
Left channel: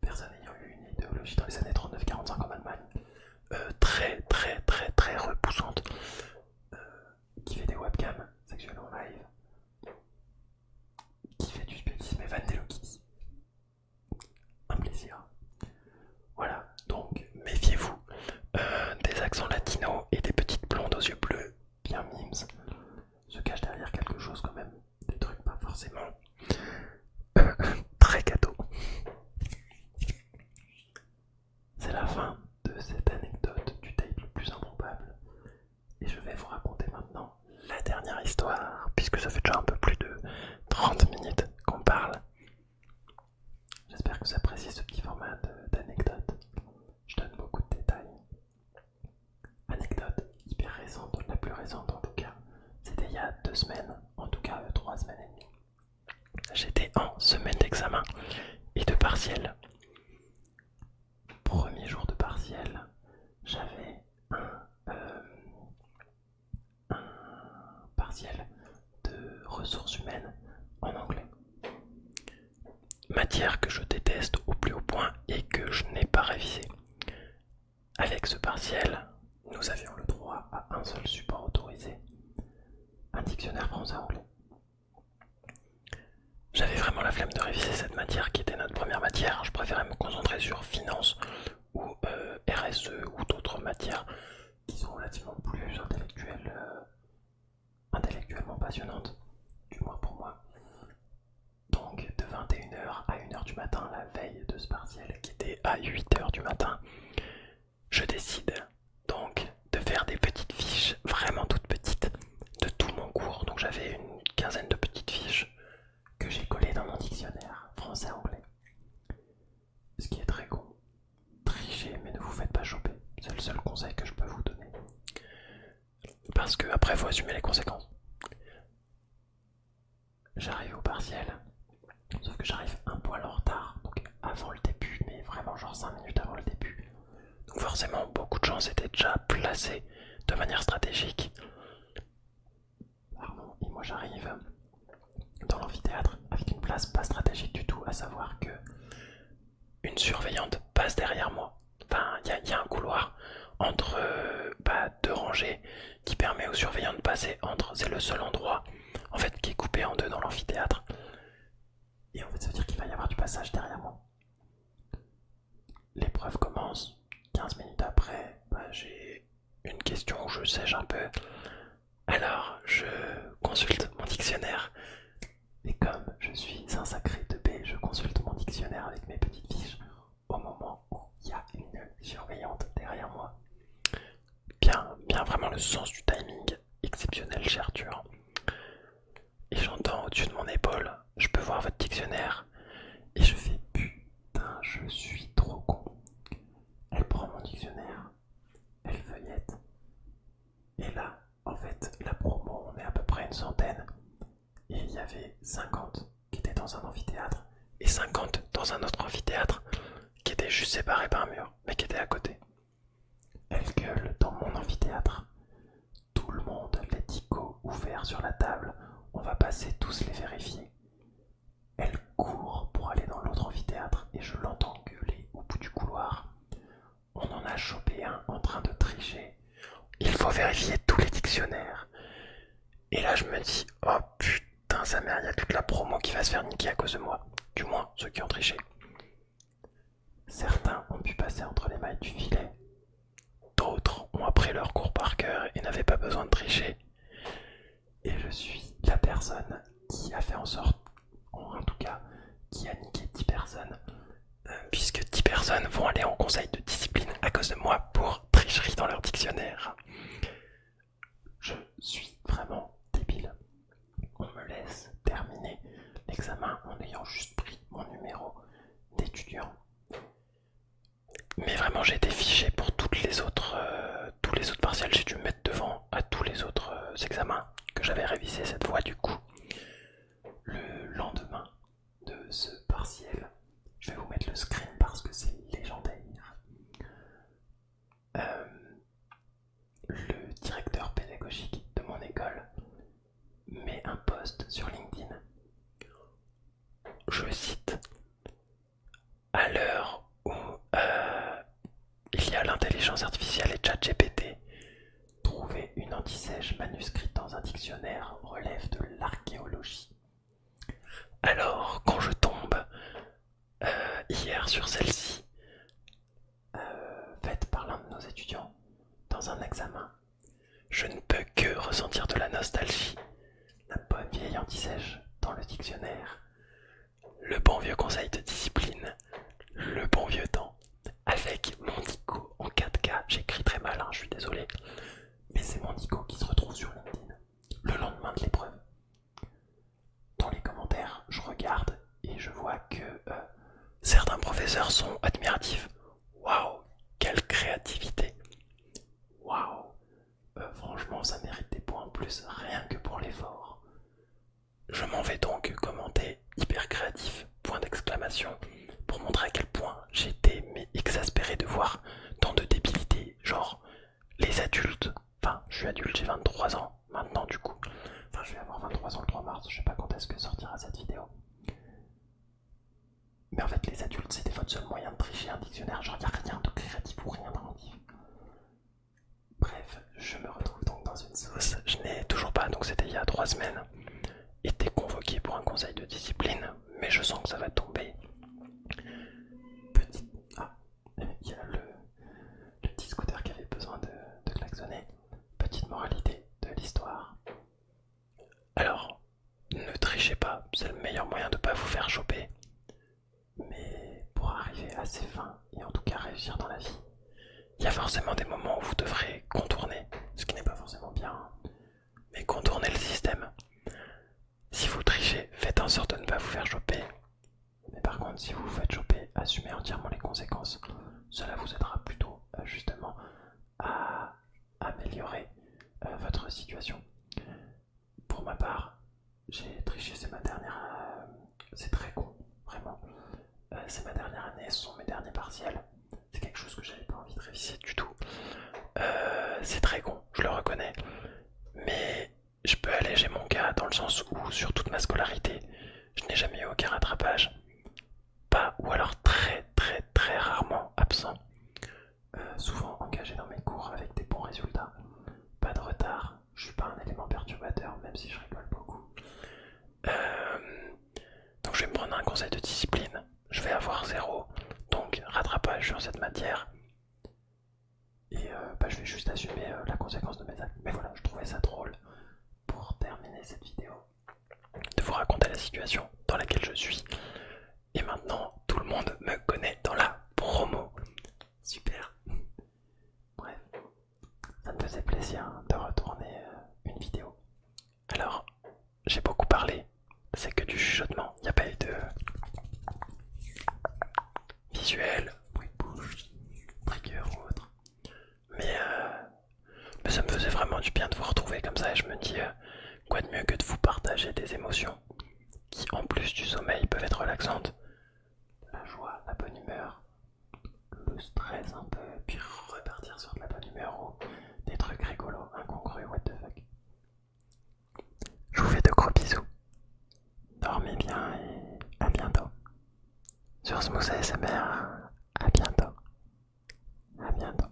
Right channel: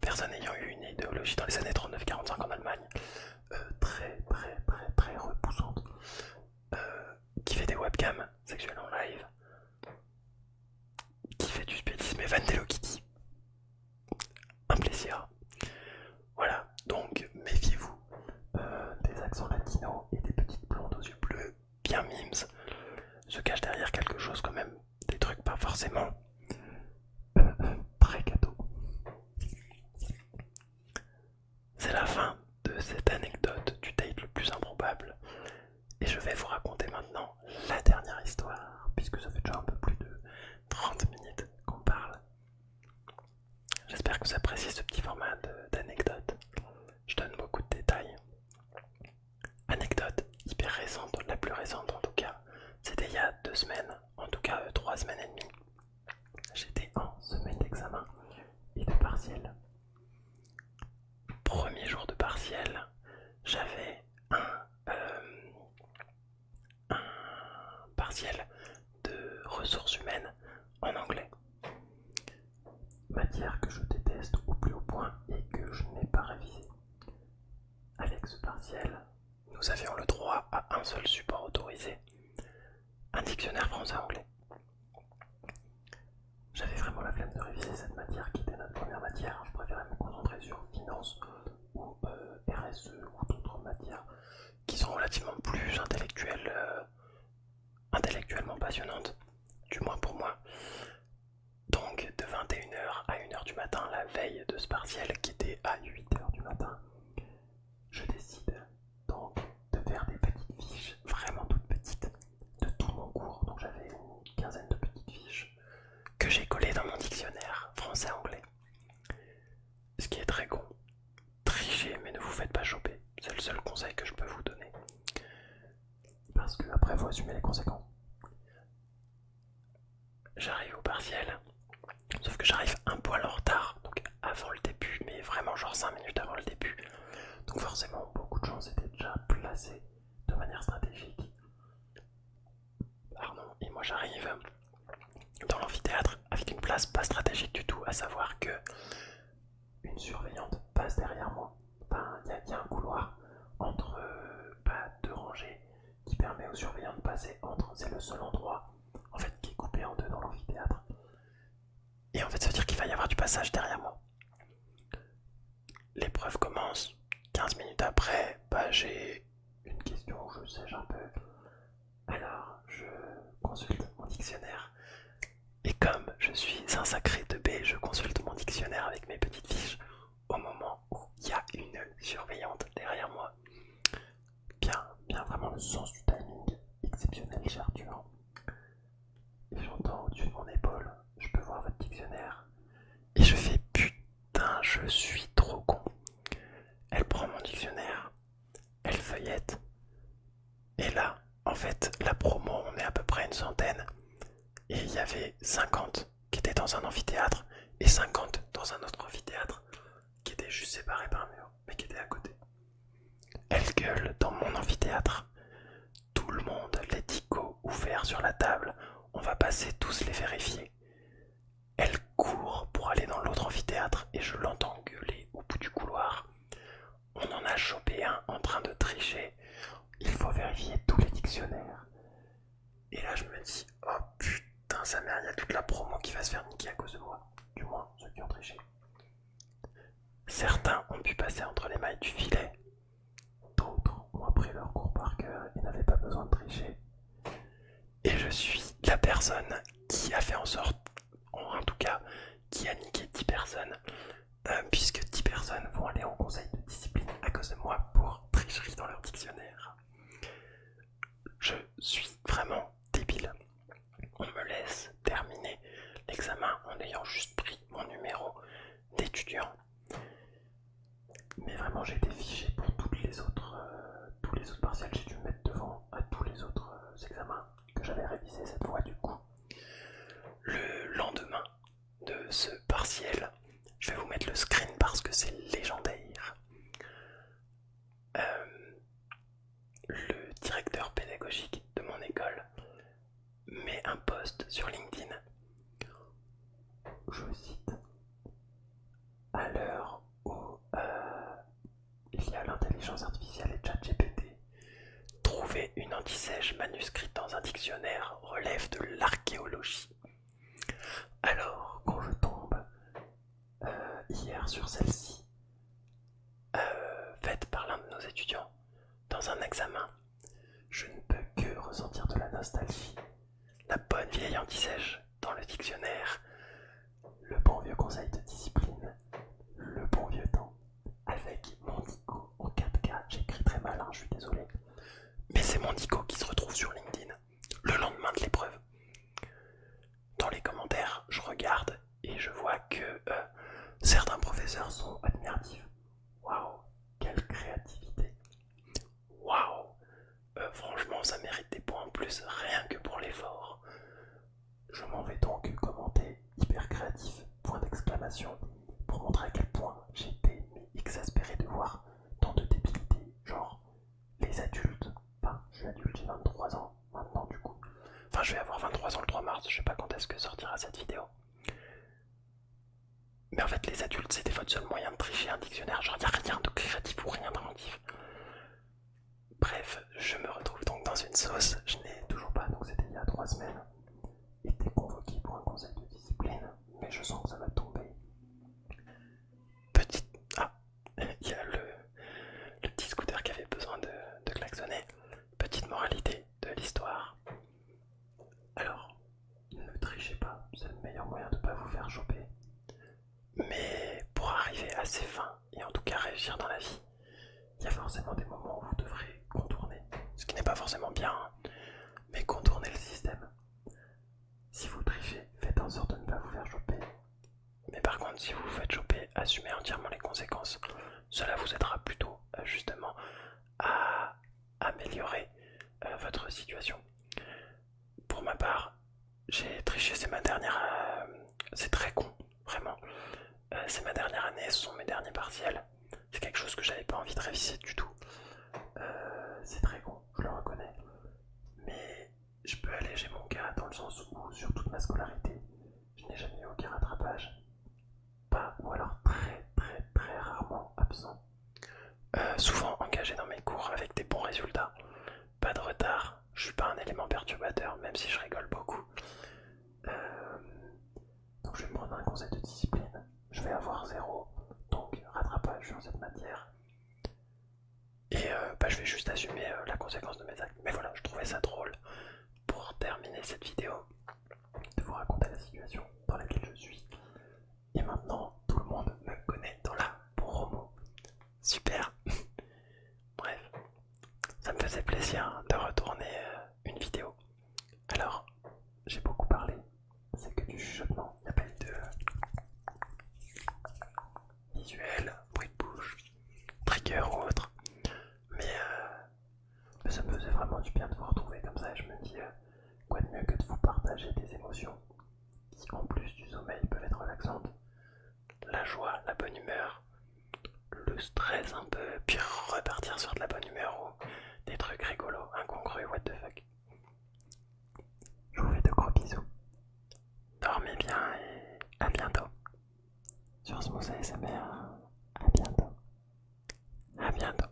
personnes ayant eu une idéologie dans les années 39-45 en Allemagne, très repoussante, qui fait des webcams sexuelles en live, qui fait du spiritisme et fan d'Hello Kitty. Un plaisir. Voilà, donc méfiez-vous des accents latinos et des petites blondes aux yeux bleus bien mimes se cachent derrière quelque chose quand même, des trucs pas forcément très cadeaux. C'est la fin de cette anecdote du date le plus improbable et je vais vous raconter maintenant la dernière histoire puisque ça fait déjà un peu plus de 30 minutes qu'on parle. J'espère que vous appréciez ce petit format d'anecdote. Je donne beaucoup de détails. Anecdote hyper récente, la plus récente en tout cas, c'était il y a 2 semaines, en tout cas 3 semaines et demie. J'étais en semaine d'examen et de partiel. Premier jour de partiel, j'avais un partiel de ressources humaines en anglais. Matière que je déteste au plus haut point et que je n'ai pas révisé. Avec ce partiel, nous avions le droit à un seul support autorisé, un dictionnaire français-anglais. J'avais vraiment la flemme de réviser cette matière qui était notre première matière. Je préférais me concentrer sur finance ou RSE ou d'autres matières qui sont relativement plus intellectuellement passionnantes, du moins pour moi. Donc de 21h à 1h du matin, la veille de ce partiel qui était à 8h du matin, je décide donc de faire des petites fiches, vraiment toutes petites, de tout mon cours. Donc j'avais une quinzaine de petites fiches que j'ai collées dans mon dictionnaire français-anglais. Ce qui est très con. Trichez, mais ne vous faites pas choper. C'est le seul conseil que je peux vous donner. Parce que après, il faut assumer les conséquences. J'arrive au partiel, sauf que j'arrive un poil en retard, donc avant le début, mais vraiment genre 5 minutes avant le début. Donc forcément, beaucoup de gens s'étaient déjà placés de manière stratégique. Pardon, et moi j'arrive dans l'amphithéâtre avec une place pas stratégique du tout, à savoir que une surveillante passe derrière moi. Enfin, il y a un couloir entre 2 rangées qui permet aux surveillants de passer entre. C'est le seul endroit en fait qui est coupé en deux dans l'amphithéâtre. Et en fait, ça veut dire qu'il va y avoir du passage derrière moi. L'épreuve commence. 15 minutes après, j'ai une question où je sèche un peu. Alors, je consulte mon dictionnaire. Et comme je suis un sacré teubé, je consulte mon dictionnaire avec mes petites fiches au moment où il y a une surveillante derrière moi. Bien vraiment le sens du timing exceptionnel, cher Arthur. Et j'entends au-dessus de mon épaule, je peux voir votre dictionnaire. Et je fais putain, je suis trop con. Elle prend mon dictionnaire, elle feuillette. Et là, en fait, la promo, on est à peu près une centaine. Et il y avait 50 qui étaient dans un amphithéâtre et 50 dans un autre amphithéâtre qui étaient juste séparés par un mur, mais qui étaient à côté. Elle gueule dans mon amphithéâtre. Tout le monde, les ticos ouverts sur la table, on va passer tous les vérifier. Elle court pour aller dans l'autre amphithéâtre et je l'entends gueuler au bout du couloir. se faire niquer à cause de moi, du moins ceux qui ont triché. Certains ont pu passer entre les mailles du filet, d'autres ont appris leur cours par cœur et n'avaient pas besoin de tricher. Et je suis la personne qui a fait en sorte, en tout cas, qui a niqué 10 personnes, puisque 10 personnes vont aller en conseil de discipline à cause de moi pour tricherie dans leur dictionnaire. Je suis vraiment débile. On me laisse terminer l'examen en ayant juste pris mon numéro d'étudiant. Mais vraiment j'ai été fiché pour tous les autres partiels, j'ai dû me mettre devant à tous les autres examens que j'avais révisés cette fois du coup. Le lendemain de ce partiel, je vais vous mettre le screen parce que c'est légendaire. Le directeur pédagogique de mon école met un post sur LinkedIn. Je cite: à l'heure où il y a l'intelligence artificielle et ChatGPT, trouver une antisèche manuscrite dans un dictionnaire relève de l'archéologie. Alors, quand je tombe hier sur celle-ci, faite par l'un de nos étudiants dans un examen, je ne peux que ressentir de la nostalgie. La bonne vieille antisèche dans le dictionnaire, le bon vieux conseil de discipline, le bon vieux temps, avec mon dico en 4K, j'écris très mal, je suis désolé, mais c'est mon dico qui se retrouve sur LinkedIn le lendemain de l'épreuve. Dans les commentaires, je regarde et je vois que certains professeurs sont admiratifs. Waouh, quelle créativité! Waouh, franchement, ça mérite des points en plus, rien que pour l'effort. Je m'en vais donc commenter hyper créatif, point d'exclamation, pour montrer à quel point j'étais exaspéré de voir tant de débilité, genre les adultes, enfin je suis adulte, j'ai 23 ans maintenant du coup, enfin je vais avoir 23 ans le 3 mars, je sais pas quand est-ce que sortira cette vidéo. Mais en fait les adultes c'était votre seul moyen de tricher un dictionnaire, genre y'a rien de créatif ou rien d'inventif. Bref, je me retrouve donc dans une sauce, je n'ai toujours pas, donc c'était il y a 3 semaines, été convoqué pour un conseil de discipline, mais je sens que ça va tomber. Petite... Ah, il y a le petit scooter qui avait besoin de klaxonner. Petite moralité de l'histoire. Alors, ne trichez pas, c'est le meilleur moyen de ne pas vous faire choper. Mais pour arriver à ses fins, et en tout cas réussir dans la vie, il y a forcément des moments où vous devrez contourner, ce qui n'est pas forcément bien, mais contourner le système. Si vous trichez, faites en sorte de ne pas vous faire choper. Mais par contre, si vous vous faites choper, assumez entièrement les conséquences. Cela vous aidera plutôt justement à améliorer votre situation. Pour ma part, j'ai triché, c'est ma dernière... c'est très con, vraiment. C'est ma dernière année, ce sont mes derniers partiels. C'est quelque chose que j'avais pas envie de réviser du tout. C'est très con, je le reconnais. Mais je peux alléger mon cas dans le sens où sur toute ma scolarité, je n'ai jamais eu aucun rattrapage. Pas ou alors très rarement absent. Souvent engagé dans mes cours avec des bons résultats. Pas de retard, je suis pas un élément perturbateur même si je rigole beaucoup. Donc je vais me prendre un conseil de discipline. Je vais avoir 0, donc rattrapage sur cette matière. Et je vais juste assumer la conséquence de mes actes. Mais voilà, je trouvais ça drôle pour terminer cette vidéo de vous raconter la situation dans laquelle je suis. Et maintenant, tout le monde me connaît dans la promo. Super. Bref, ça me faisait plaisir de retourner une vidéo. Alors, j'ai beaucoup parlé, c'est que du chuchotement, il n'y a pas eu de visuel, bruit de bouche, trigger ou autre. Mais ça me faisait vraiment du bien de vous retrouver comme ça et je me dis quoi de mieux que de vous partager des émotions qui en plus du sommeil peuvent être relaxantes. La joie, la bonne humeur, le stress un peu, puis repartir sur de la bonne humeur ou des trucs rigolos, incongrus, what the fuck. Je vous fais de gros bisous. Dormez bien et à bientôt. Sur Smooth ASMR, à bientôt. À bientôt.